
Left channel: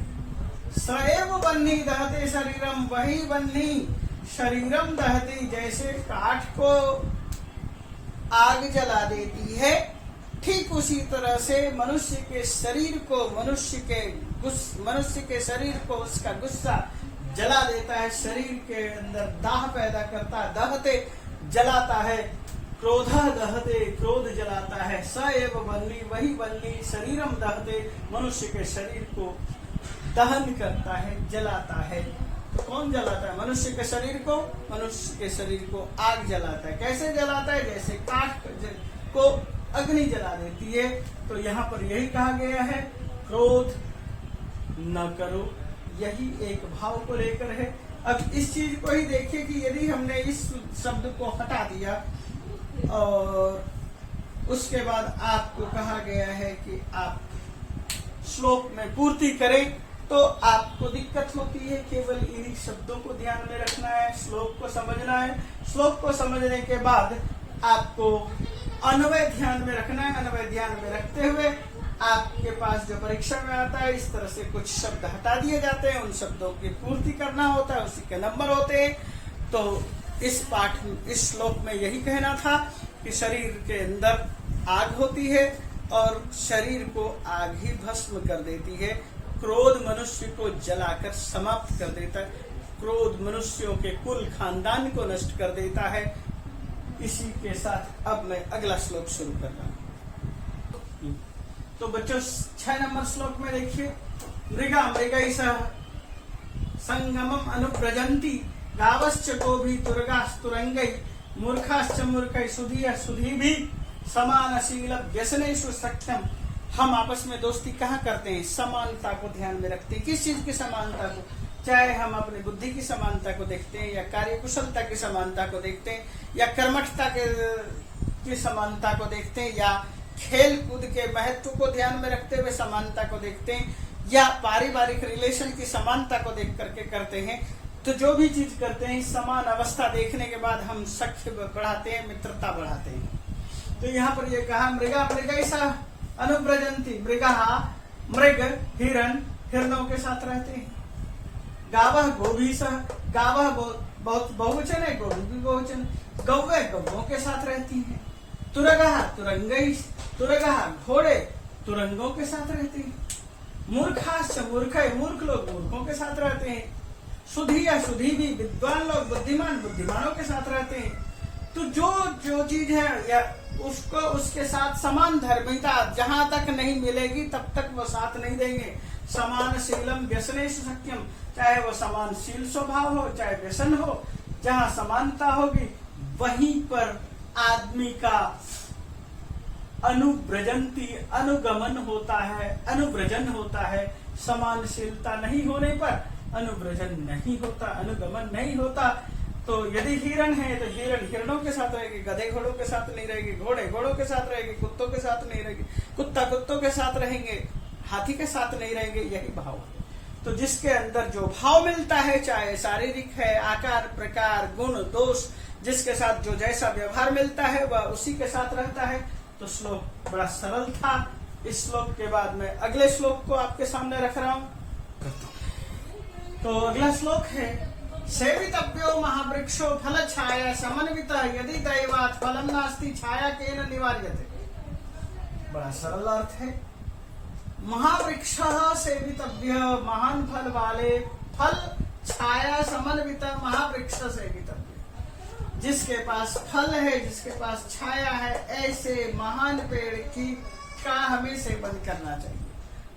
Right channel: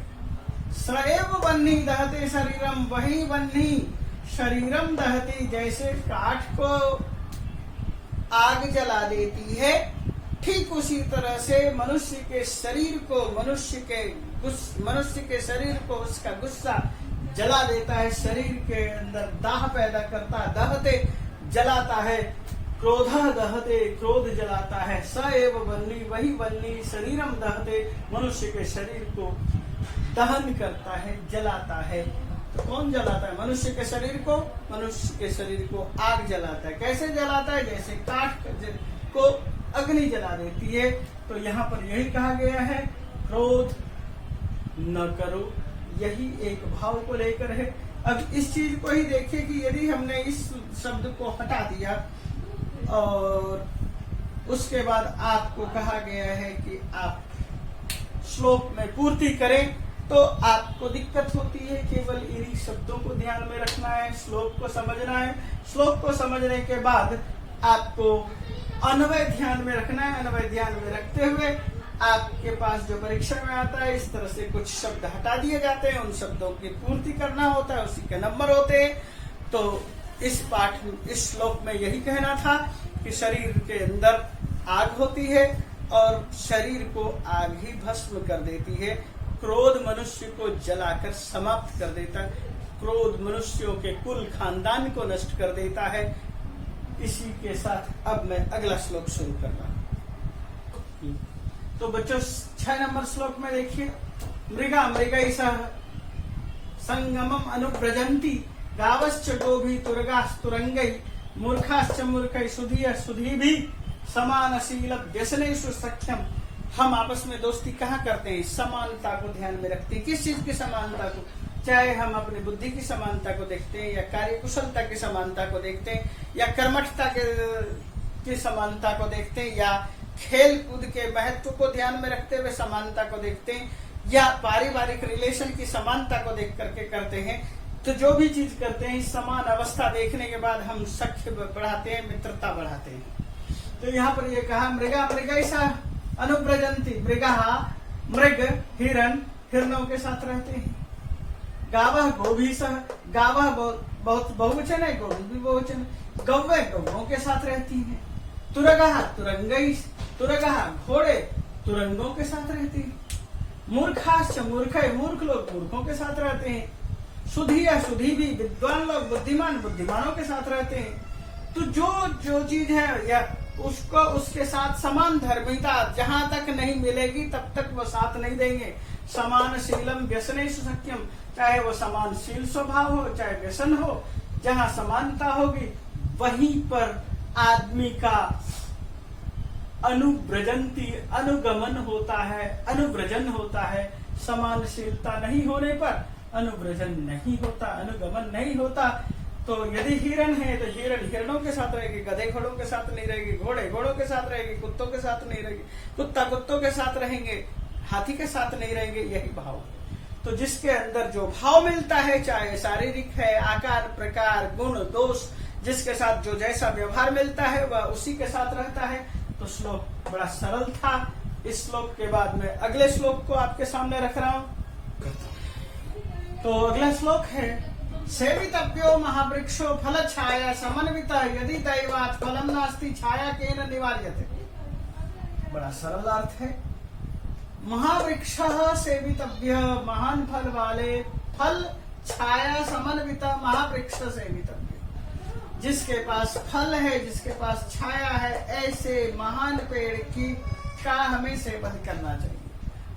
सएव बन्नी दहते शरीरम, वही बन्नी शरीरम दहती, जैसे काठ को आग जला देती है ठीक उसी तरह से मनुष्य के शरीर को, मनुष्य के शरीर को उसका गुस्सा जला देता है, शरीर के अंदर दाह पैदा करता है, दहते जलाता है, क्रोध दहते क्रोध जलाता है, स एव बल्ली वही बल्ली शरीरम दहते मनुष्य के शरीर को दहन करता है, जलाता है। तो कौन जलाता है? मनुष्य के शरीर को, मनुष्य के शरीर को आग जलाता है। कैसे जलाता है? जैसे काठ को अग्नि जला देती है। तो यहाँ पर यही कहा गया है क्रोध न करो, यही एक भाव को लेकर है अब इस चीज को ही देखिए कि यदि हमने इस शब्द को हटा दिया और उसके बाद आपको कहा गया है कि आप श्लोक में पूर्ति करें, तो आपको दिक्कत होती है। केवल इन्हीं शब्दों को ध्यान में रखना है, श्लोक को समझना है। श्लोक को समझने के बाद आपको अन्वय ध्यान में रखना है। अन्वय ध्यान में रखते हुए आपके पास जो परीक्षा में आता है, इस तरह से कुछ शब्द हटा दिए जाते हैं, उन शब्दों की पूर्ति करना होता है, उसी के नंबर होते हैं। तो इस श्लोक में यही कहना था कि शरीर के अंदर आग होती है और शरीर को आग ही भस्म कर देती है। क्रोध मनुष्य को जलाकर समाप्त कर देता है। क्रोध मनुष्यों के कुल खानदान को नष्ट कर देता है। इसी के साथ अब मैं अगला श्लोक शुरू कर रहा हूं। तो बच्चों 6 नंबर श्लोक में देखिए, मृगा मृगैः संगमम अनुव्रजन्ति गावश्च गोभी तुरगास्तुरंगै मूर्खाश्च मूर्खै सुधीय सुधीभि समानशील व्यसनेषु सख्यम। हम आपस में दोस्ती कहाँ करते हैं? समानता को ध्यान में रखते हैं। किस चीज की समानता को? चाहे हम अपनी बुद्धि की समानता को देखते हैं, या कार्य कुशलता की समानता को देखते हैं, या कर्मठता की समानता को देखते हैं, या खेल कूद के महत्व को ध्यान में रखते हुए समानता को देखते हैं, या पारिवारिक रिलेशन की समानता को देख करके करते हैं। तो जो भी चीज करते हैं, समान अवस्था देखने के बाद हम सख्य बढ़ाते हैं, मित्रता बढ़ाते हैं। तो यहाँ पर ये कहा, मृगा मृगैः अनुव्रजन्ति। मृगा मृग हिरण हिरणों के साथ रहते हैं। गावः गोभिः, गावः बहुत बहुवचन है, गोभी भी बहुवचन। गौवे गौवों के साथ रहती हैं। तुरगः तुरंगैः, तुरगः घोड़े तुरंगों के साथ रहते हैं। मूर्खाश्च मूर्खै, मूर्ख लोग मूर्खों के साथ रहते हैं। सुधीय सुधीभि, विद्वान लोग बुद्धिमान बुद्धिमानों के साथ रहते हैं। तो जो चीज है या उसको उसके साथ समान धर्मिता जहां तक नहीं मिलेगी तब तक वो साथ नहीं देंगे। समान शीलम व्यसनेषु सख्यम, चाहे वो समान शील स्वभाव हो, चाहे व्यसन हो, जहां समानता होगी वहीं पर आदमी का अनुव्रजंती अनुगमन होता है, अनुव्रजन होता है। समानशीलता नहीं होने पर अनुव्रजन नहीं होता, अनुगमन नहीं होता। तो यदि हिरण है तो हिरण हिरणों के साथ रहेगी, गधे घोड़ों के साथ नहीं रहेगी, घोड़े घोड़ों के साथ रहेगी, कुत्तों के साथ नहीं रहेगी, कुत्ता कुत्तों के साथ रहेंगे, हाथी के साथ नहीं रहेंगे। यही भाव है। तो जिसके अंदर जो भाव मिलता है, चाहे शारीरिक है, आकार प्रकार गुण दोष, जिसके साथ जो जैसा व्यवहार मिलता है वह उसी के साथ रहता है। तो श्लोक बड़ा सरल था। इस श्लोक के बाद मैं अगले श्लोक को आपके सामने रख रहा हूं। तो अगला श्लोक है, सेवितव्यो महावृक्षो फल छाया समन्वितः यदि दैवात् फलम नास्ति छाया केन निवार्यते। बड़ा सरल अर्थ है। महावृक्ष सेवितव्य, महान फल वाले, फल छाया समन्वितः महावृक्ष सेवितव्य। जिसके पास फल है, जिसके पास छाया है, ऐसे महान पेड़ का हमें सेवन करना चाहिए।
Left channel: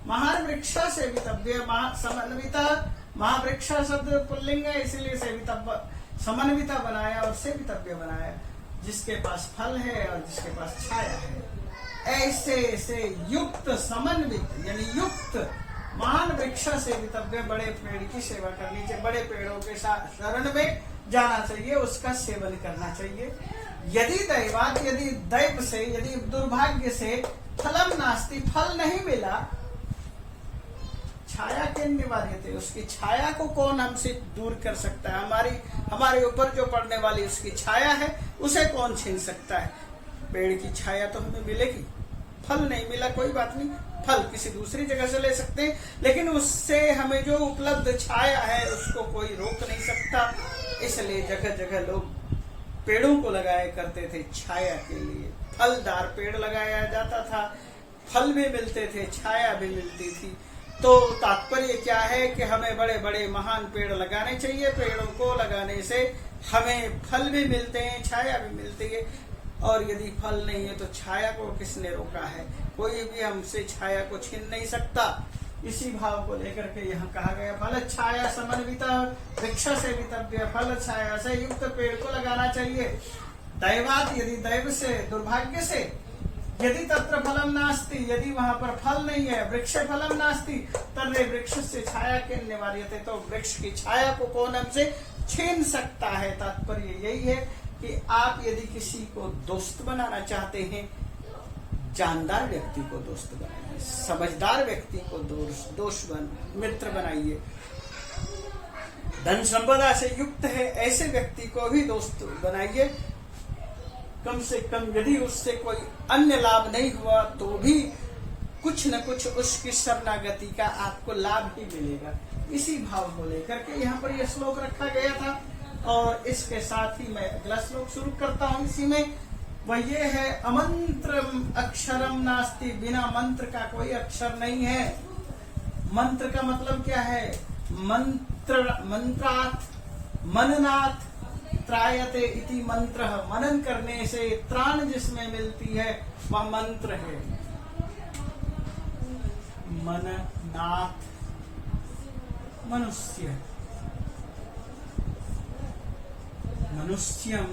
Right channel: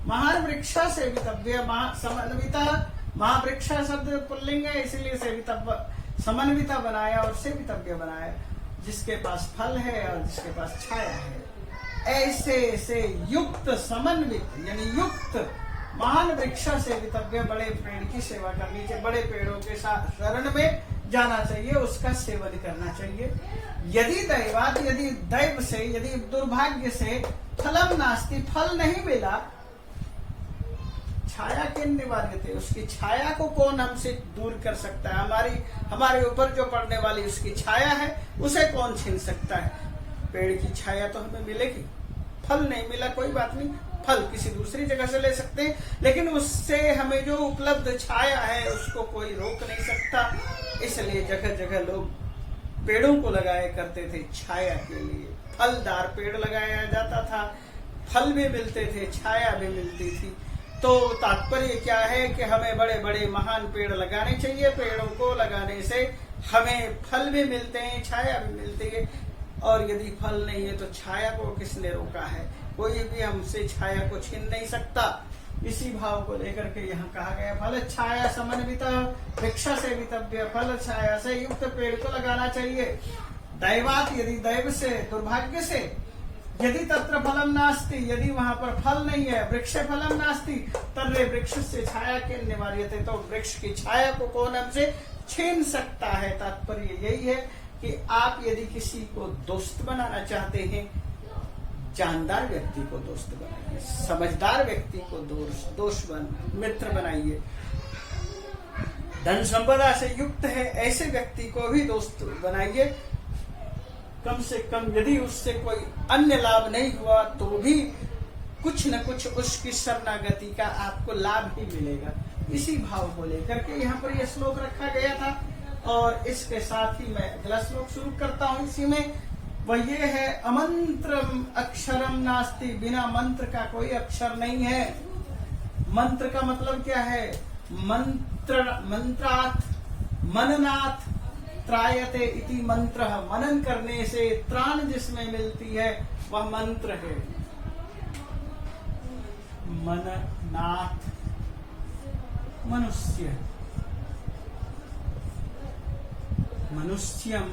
महान वृक्ष सेवितव्य, समन्वितः, महावृक्ष शब्द पुल्लिंग है इसलिए सेवितव्य समन्विता बनाया और सेवितव्य बनाया। जिसके पास फल है और जिसके पास छाया है, ऐसे से युक्त समन्वित यानी युक्त महान वृक्ष सेवितव्य, बड़े पेड़ की सेवा करनी चाहिए, बड़े पेड़ों के साथ शरण में जाना चाहिए, उसका सेवन करना चाहिए। यदि दैवात, यदि दैव से, यदि दुर्भाग्य से फलम नास्ति, फल नहीं मिला, छाया के निवार्यते, उसकी छाया को कौन हमसे दूर कर सकता है? हमारे ऊपर जो पड़ने वाली उसकी छाया है उसे कौन छीन सकता है? पेड़ की छाया तो हमें मिलेगी। फल नहीं मिला कोई बात नहीं, फल किसी दूसरी जगह से ले सकते हैं, लेकिन उससे हमें जो उपलब्ध छाया है उसको कोई रोक नहीं सकता। इसलिए जगह जगह लोग पेड़ों को लगाया करते थे छाया के लिए। फलदार पेड़ लगाया जाता था, फल भी मिलते थे, छाया भी मिलती थी। तो तात्पर्य क्या है कि हमें बड़े बड़े महान पेड़ लगाने चाहिए। पेड़ों को लगाने से हमें फल भी मिलते हैं, छाया भी मिलती है। और यदि फल नहीं है तो छाया को किसने रोका है? कोई भी हमसे छाया को छीन नहीं सकता। इसी भाव को लेकर के यहाँ कहा गया, फल छाया समन्विता वृक्ष सेवितव्य, फल छाया से युक्त पेड़ को लगाना चाहिए। दैवात, यदि दैव से, दुर्भाग्य से यदि तत्र फलम नास्ति, यदि वहां पर फल नहीं है, वृक्ष फलम नास्ति तर्रे वृक्ष से छाया के निवार्यते, तो वृक्ष की छाया को कौन हमसे छीन सकता है। तात्पर्य यही है कि आप यदि किसी को दोस्त बनाना चाहते हैं, जानदार व्यक्ति को दोस्त बनाइए, समझदार व्यक्ति को मित्र बनाइए, धन संपदा से युक्त है ऐसे व्यक्ति को भी दोस्त बनाइए। कम से कम यदि उससे कोई अन्य लाभ नहीं हुआ तो भी कुछ न कुछ उसकी शरणागति का आपको लाभ ही मिलेगा। इसी भाव को लेकर के यहाँ पर यह श्लोक रखा गया था और इसके साथ ही मैं अगला श्लोक शुरू करता हूँ। इसी में वह ये है, अमंत्रम अक्षरम नास्ति, बिना मंत्र का कोई अक्षर नहीं है। मंत्र का मतलब क्या है? मंत्रात् मननात् त्रायते इति मंत्र। मनन करने से त्राण जिसमें मिलती है वह मंत्र है। मननात् मनुष्य, मनुष्यम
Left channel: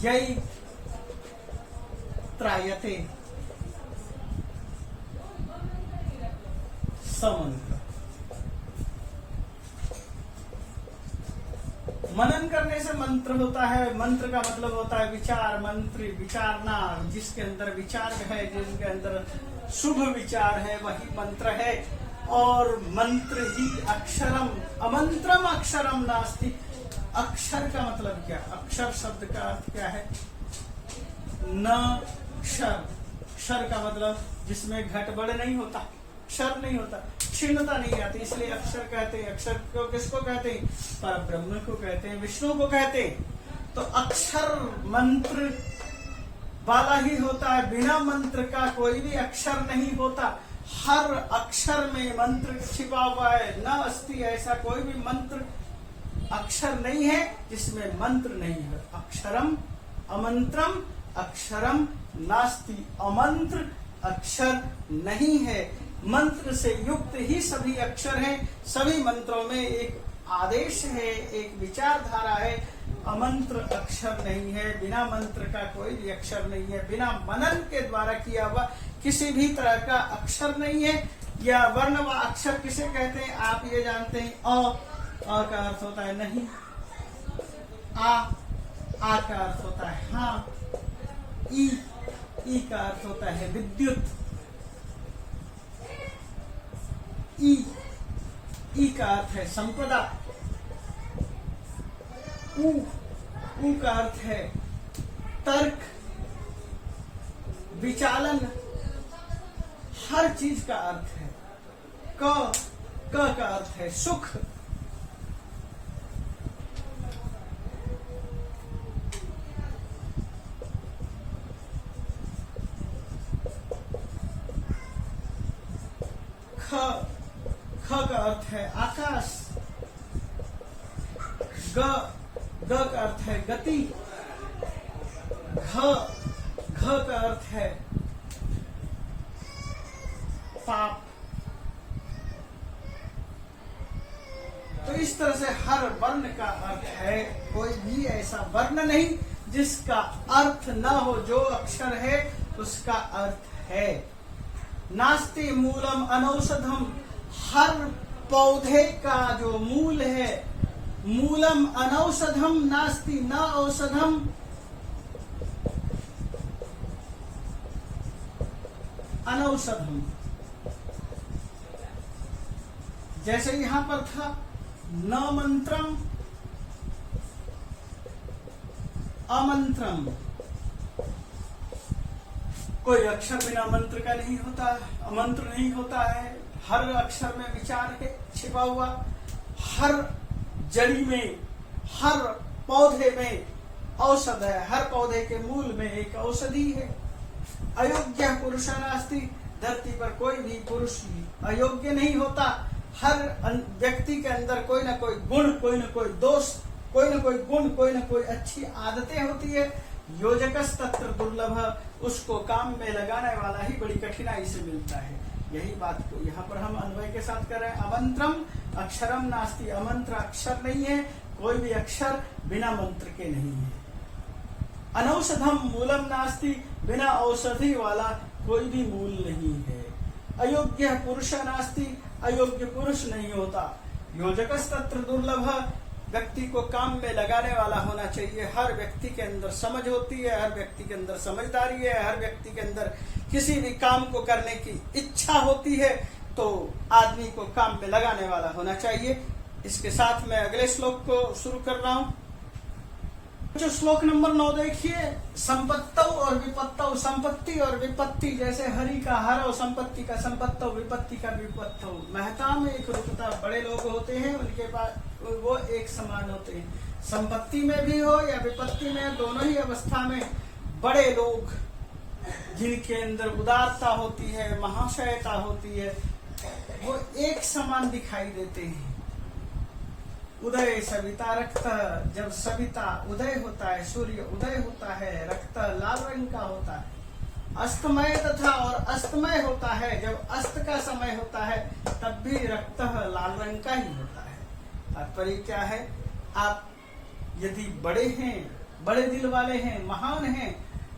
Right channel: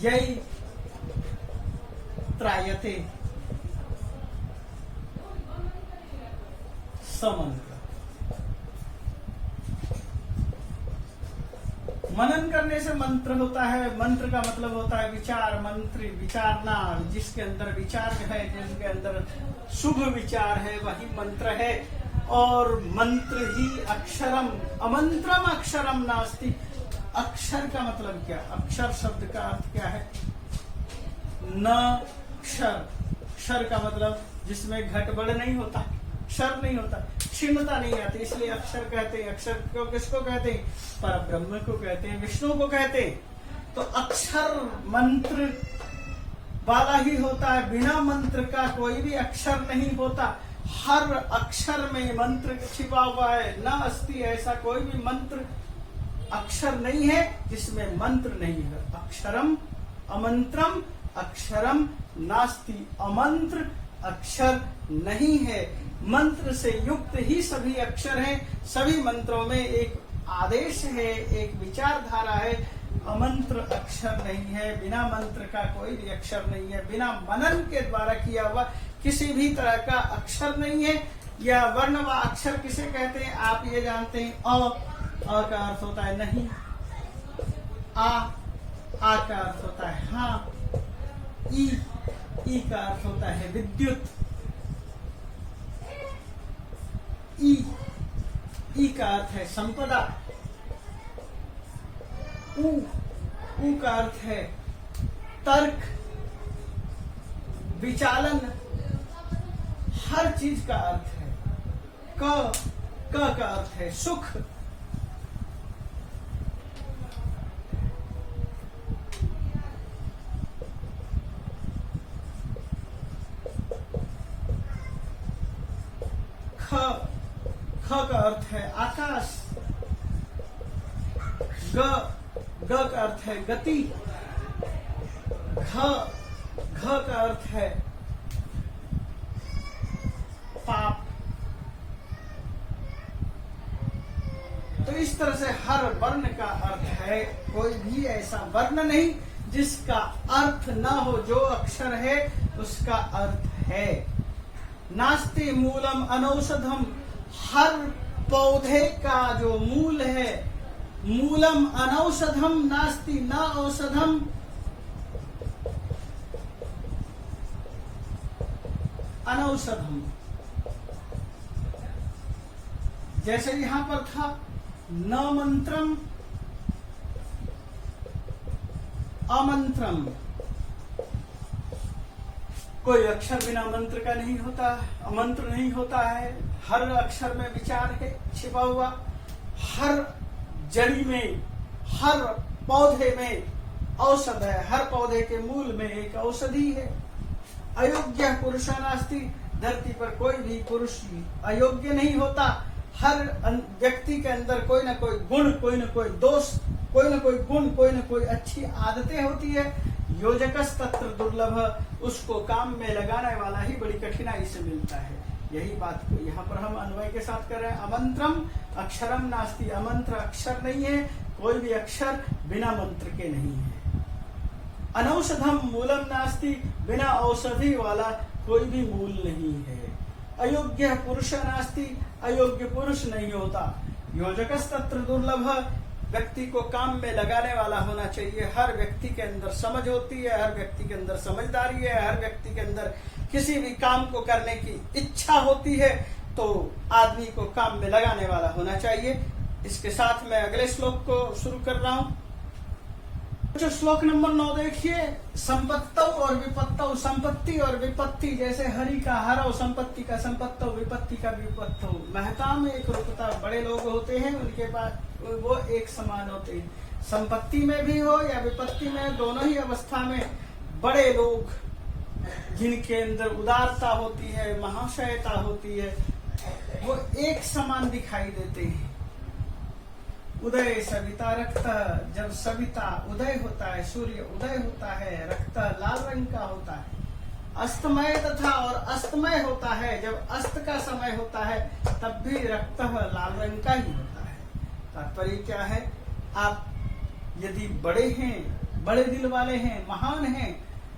यही त्रायते समंत्र। मनन करने से मंत्र होता है। मंत्र का मतलब होता है विचार, मंत्र विचारना, जिसके अंदर विचार है, जिसके अंदर शुभ विचार है वही मंत्र है। और मंत्र ही अक्षरम, अमंत्रम अक्षरम नास्ति। अक्षर का मतलब क्या? अक्षर शब्द का अर्थ क्या है? न क्षर, क्षर का मतलब जिसमें घटबड़ नहीं होता, क्षर नहीं होता, क्षीणता नहीं आती, इसलिए अक्षर कहते हैं। अक्षर को किसको कहते हैं? पर ब्रह्म को कहते हैं, विष्णु को कहते हैं। तो अक्षर मंत्र वाला ही होता है, बिना मंत्र का कोई भी अक्षर नहीं होता। हर अक्षर में मंत्र छिपा हुआ है। न अस्ति, ऐसा कोई भी मंत्र अक्षर नहीं है जिसमें मंत्र नहीं है। अक्षरम अमंत्रम अक्षरम नास्ति, अमंत्र अक्षर नहीं है। मंत्र से युक्त ही सभी अक्षर हैं। सभी मंत्रों में एक आदेश है, एक विचारधारा है। अमंत्र अक्षर नहीं है, बिना मंत्र का कोई भी अक्षर नहीं है। बिना मनन के द्वारा किया हुआ किसी भी तरह का अक्षर नहीं है। यह वर्ण व अक्षर किसे कहते हैं आप ये जानते हैं? अ का अर्थ होता है नहीं, आ का अर्थ होता है हाँ, ई का अर्थ होता है विद्युत, ई का अर्थ है संपदा, ऊ का अर्थ है तर्क, विचालन, हर चीज का अर्थ है। क का अर्थ है सुख। ख का अर्थ है आकाश। ग का अर्थ है गति। घ का अर्थ है पाप। तो इस तरह से हर वर्ण का अर्थ है। कोई भी ऐसा वर्ण नहीं जिसका अर्थ न हो। जो अक्षर है उसका अर्थ है। नास्ति मूलम अनौषधम, हर पौधे का जो मूल है, मूलम अनौषधम नास्ति, न औषधम अनौषधम। जैसे यहां पर था न मंत्रम अमंत्रम, कोई अक्षर बिना मंत्र का नहीं होता, अमंत्र नहीं होता है। हर अक्षर में विचार है छिपा हुआ। हर जड़ी में, हर पौधे में औषध है। हर पौधे के मूल में एक औषधि है। अयोग्य पुरुषा नास्ति, धरती पर कोई भी पुरुष अयोग्य नहीं होता। हर व्यक्ति के अंदर कोई न कोई गुण, कोई न कोई दोष, कोई न कोई गुण, कोई न कोई अच्छी आदतें होती है। योजकस तत्र दुर्लभ, उसको काम में लगाने वाला ही बड़ी कठिनाई से मिलता है। यही बात को यहाँ पर हम अन्वय के साथ कर रहे हैं। अमंत्रम अक्षरम नास्ति, अमंत्र अक्षर नहीं है। कोई भी अक्षर बिना मंत्र के नहीं है। अनौषधम मूलम नास्ति, बिना औषधि वाला कोई भी मूल नहीं है। अयोग्य पुरुष नास्ति, अयोग्य पुरुष नहीं होता। योजकस्तत्र दुर्लभ, व्यक्ति को काम में लगाने वाला होना चाहिए। हर व्यक्ति के अंदर समझ होती है, हर व्यक्ति के अंदर समझदारी है, हर व्यक्ति के अंदर किसी भी काम को करने की इच्छा होती है, तो आदमी को काम में लगाने वाला होना चाहिए। इसके साथ मैं अगले श्लोक को शुरू कर रहा हूं। जो श्लोक नंबर 9 देखिए, संपत्तौ और विपत्तौ, संपत्ति और विपत्ति, जैसे हरि का हरौ, संपत्ति का संपत्तौ, विपत्ति का विपत्तौ। महता में एक रूपता, बड़े लोग होते हैं उनके पास वो एक समान होते हैं। संपत्ति में भी हो या विपत्ति में, दोनों ही अवस्था में बड़े लोग जिनके अंदर उदारता होती है, महाशयता होती है, वो एक समान दिखाई देते हैं। उदय सविता रक्त, जब सविता उदय होता है, सूर्य उदय होता है, रक्त लाल रंग का होता है। अस्तमय तथा और अस्तमय होता है, जब अस्त का समय होता है तब भी रक्त लाल रंग का ही होता है। तात्पर्य क्या है, आप यदि बड़े हैं, बड़े दिल वाले हैं, महान हैं,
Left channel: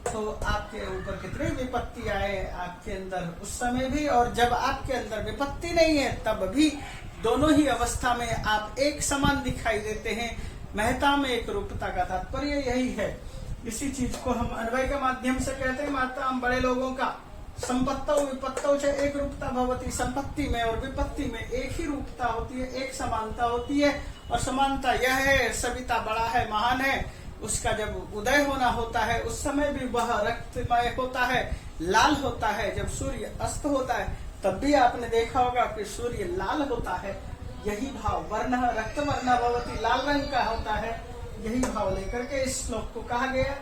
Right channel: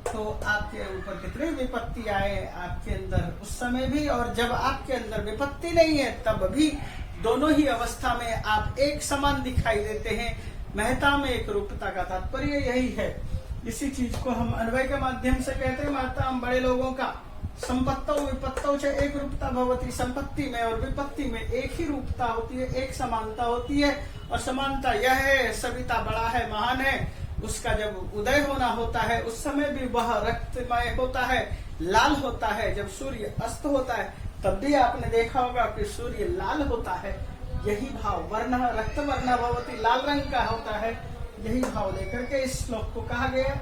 तो आपके ऊपर कितनी विपत्ति आए आपके अंदर उस समय भी, और जब आपके अंदर विपत्ति नहीं है तब भी, दोनों ही अवस्था में आप एक समान दिखाई देते हैं। महता में एक रूपता का तात्पर्य यही है। इसी चीज को हम अन्वय के माध्यम से कहते हैं। महता हम बड़े लोगों का, संपत्तौ विपत्तौ च एक रूपता भवती, संपत्ति में और विपत्ति में एक ही रूपता होती है, एक समानता होती है। और समानता यह है, सविता बड़ा है, महान है, उसका जब उदय होना होता है उस समय भी वह रक्तमय होता है, लाल होता है। जब सूर्य अस्त होता है तब भी आपने देखा होगा कि सूर्य लाल होता है। यही भाव, वर्ण रक्त वर्ण भवती, लाल रंग का होता है। यही भाव लेकर के इस श्लोक को कहा गया।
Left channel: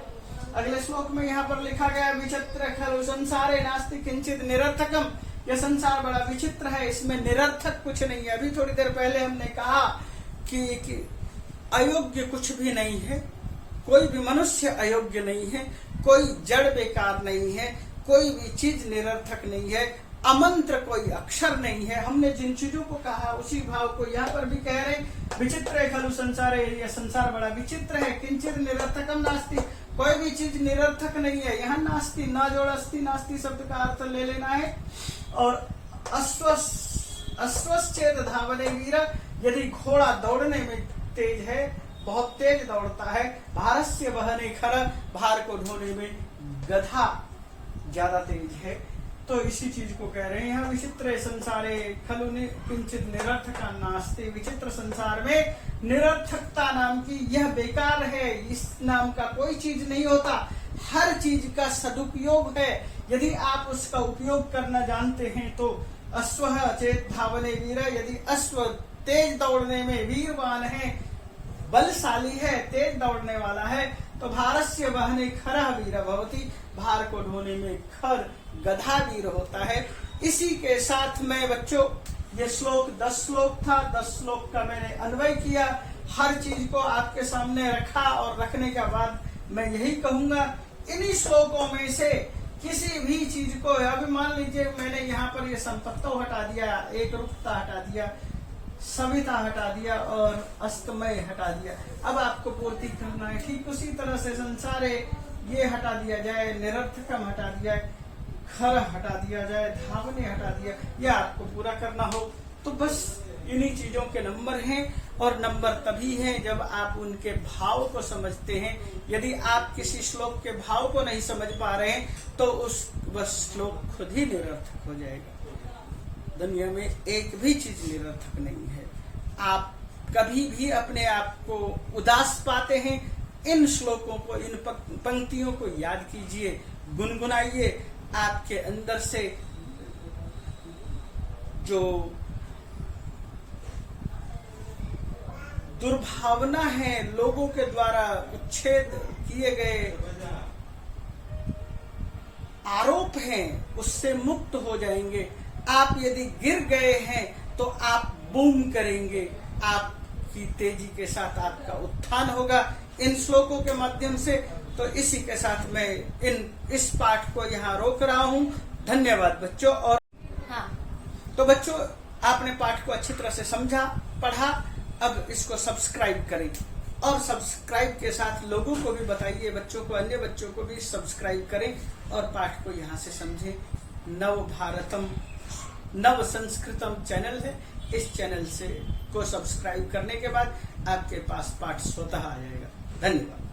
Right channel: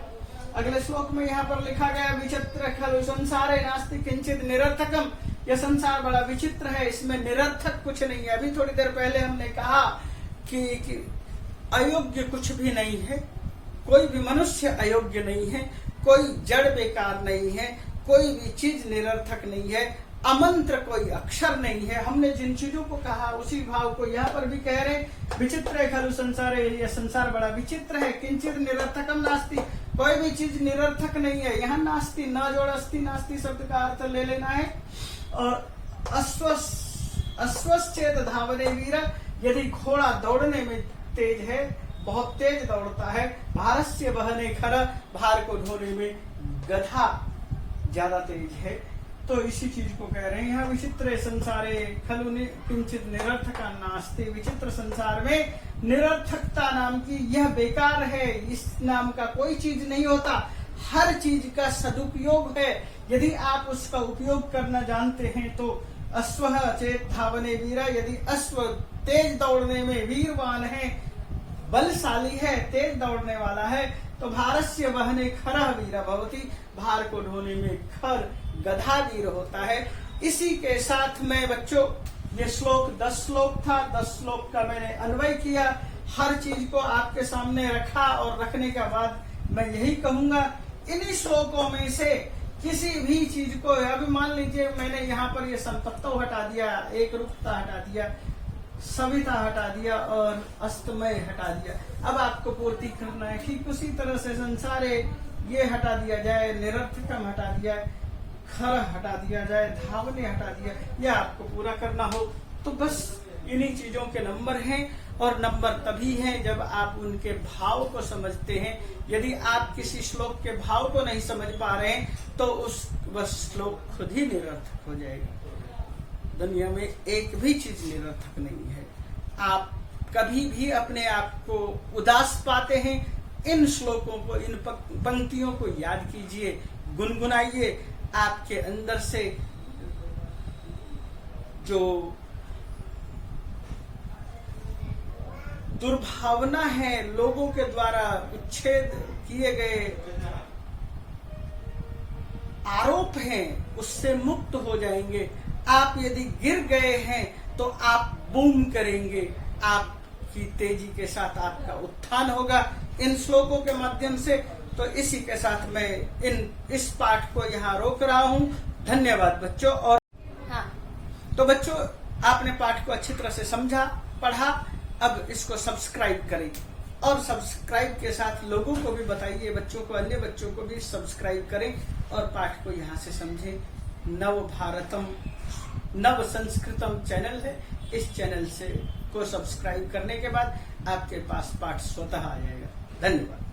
अगले श्लोक में यहाँ पर लिखा गया, विचित्र खलु संसारे नास्ति किंचित निरर्थकम। यह संसार बड़ा विचित्र है, इसमें निरर्थक कुछ नहीं है। अभी थोड़ी देर पहले हमने कहा कि अयोग्य कुछ भी नहीं है, कोई भी मनुष्य अयोग्य नहीं है, कोई जड़ बेकार नहीं है, कोई भी चीज निरर्थक नहीं है, अमंत्र कोई अक्षर नहीं है। हमने जिन चीजों को कहा उसी भाव को यहाँ पर भी कह रहे हैं। विचित्र है खलु संसार, यह संसार बड़ा विचित्र है। किंचित निरर्थकम नास्ति, कोई भी चीज निरर्थक नहीं है। यहाँ नास्ति, ना जोड़ अस्ति, नास्ति शब्द का अर्थ ले लेना है। और अश्वश्चेत धावने वीर, यदि घोड़ा दौड़ने में तेज है, बहुत तेज दौड़ता है। भारस्य वहने खर, भार को ढोने में गधा ज्यादा तेज है। तो इसी चीज को कह रहे हैं यहाँ, विचित्र संसारे खलु किंचित निरर्थका नास्ति। विचित्र संसार में निरर्थकता नाम की यह बेकार है, इस नाम का कोई चीज नहीं होता। हर चीज का सदुपयोग है, यदि आप उसका उपयोग करना जानते हैं तो। अश्व चेत धावने वीर, यदि अश्व तेज दौड़ने में वीरवान है, बलशाली है, तेज दौड़ने वाला है, तो भारस्य वहने खर वीर भवती, भार को ढोने में खर गधा वीर होता है। इसी के साथ में बच्चों, ये श्लोक 10 श्लोक था, 10 श्लोक का मैंने अन्वय किया, हर चीज को आपके सामने रखा। और रखने के बाद मैं यही कहूंगा, इन्हीं श्लोकों में से किसी भी चीज को, अभी मान लीजिए मैंने यहाँ पर ये संपत्तौ हटा दिया, एक रूपता हटा दिया, सविता हटा दिया और अस्तमय हटा दिया, अब आपको पूर्ति करना है। ठीक उसी तरह से संसारे ये हटा दिया जाए, निरर्थकम हटा दिया, खर हटा दिया जाए, धावने हटा दिया, यह आपको पूरा करना हो तो बस इन्हीं चीजों के नंबर हैं। और नंबर तभी हैं जब आप उनके भाव को समझते हैं। यदि आप किसी श्लोक के भाव को नहीं समझ पा रहे हैं तो वह श्लोक खुद ही निरर्थक हो जाएगा। दुनिया में एक भी चीज निरर्थक नहीं है। आप कभी भी अपने आप को उदास पाते हैं, इन श्लोकों को, इन पंक्तियों को याद कीजिए, गुनगुनाइए। आपके अंदर से जो दुर्भावना है, लोगों के द्वारा उच्छेद किए गए आरोप हैं, उससे मुक्त हो जाएंगे। आप यदि गिर गए हैं तो आप बूम करेंगे, आपकी तेजी के साथ आपका उत्थान होगा इन श्लोकों के माध्यम से। तो इसी के साथ मैं इस पाठ को यहाँ रोक रहा हूँ। धन्यवाद बच्चों। और हाँ, तो बच्चों, आपने पाठ को अच्छी तरह से समझा, पढ़ा, अब इसको सब्सक्राइब करें और सब्सक्राइब के साथ लोगों को भी बताइए, बच्चों को, अन्य बच्चों को भी सब्सक्राइब करें और पाठ को यहाँ से समझें। नव भारतम नव संस्कृतम चैनल है, इस चैनल से को सब्सक्राइब करने के बाद आपके पास पाठ स्वतः आ जाएगा। धन्यवाद।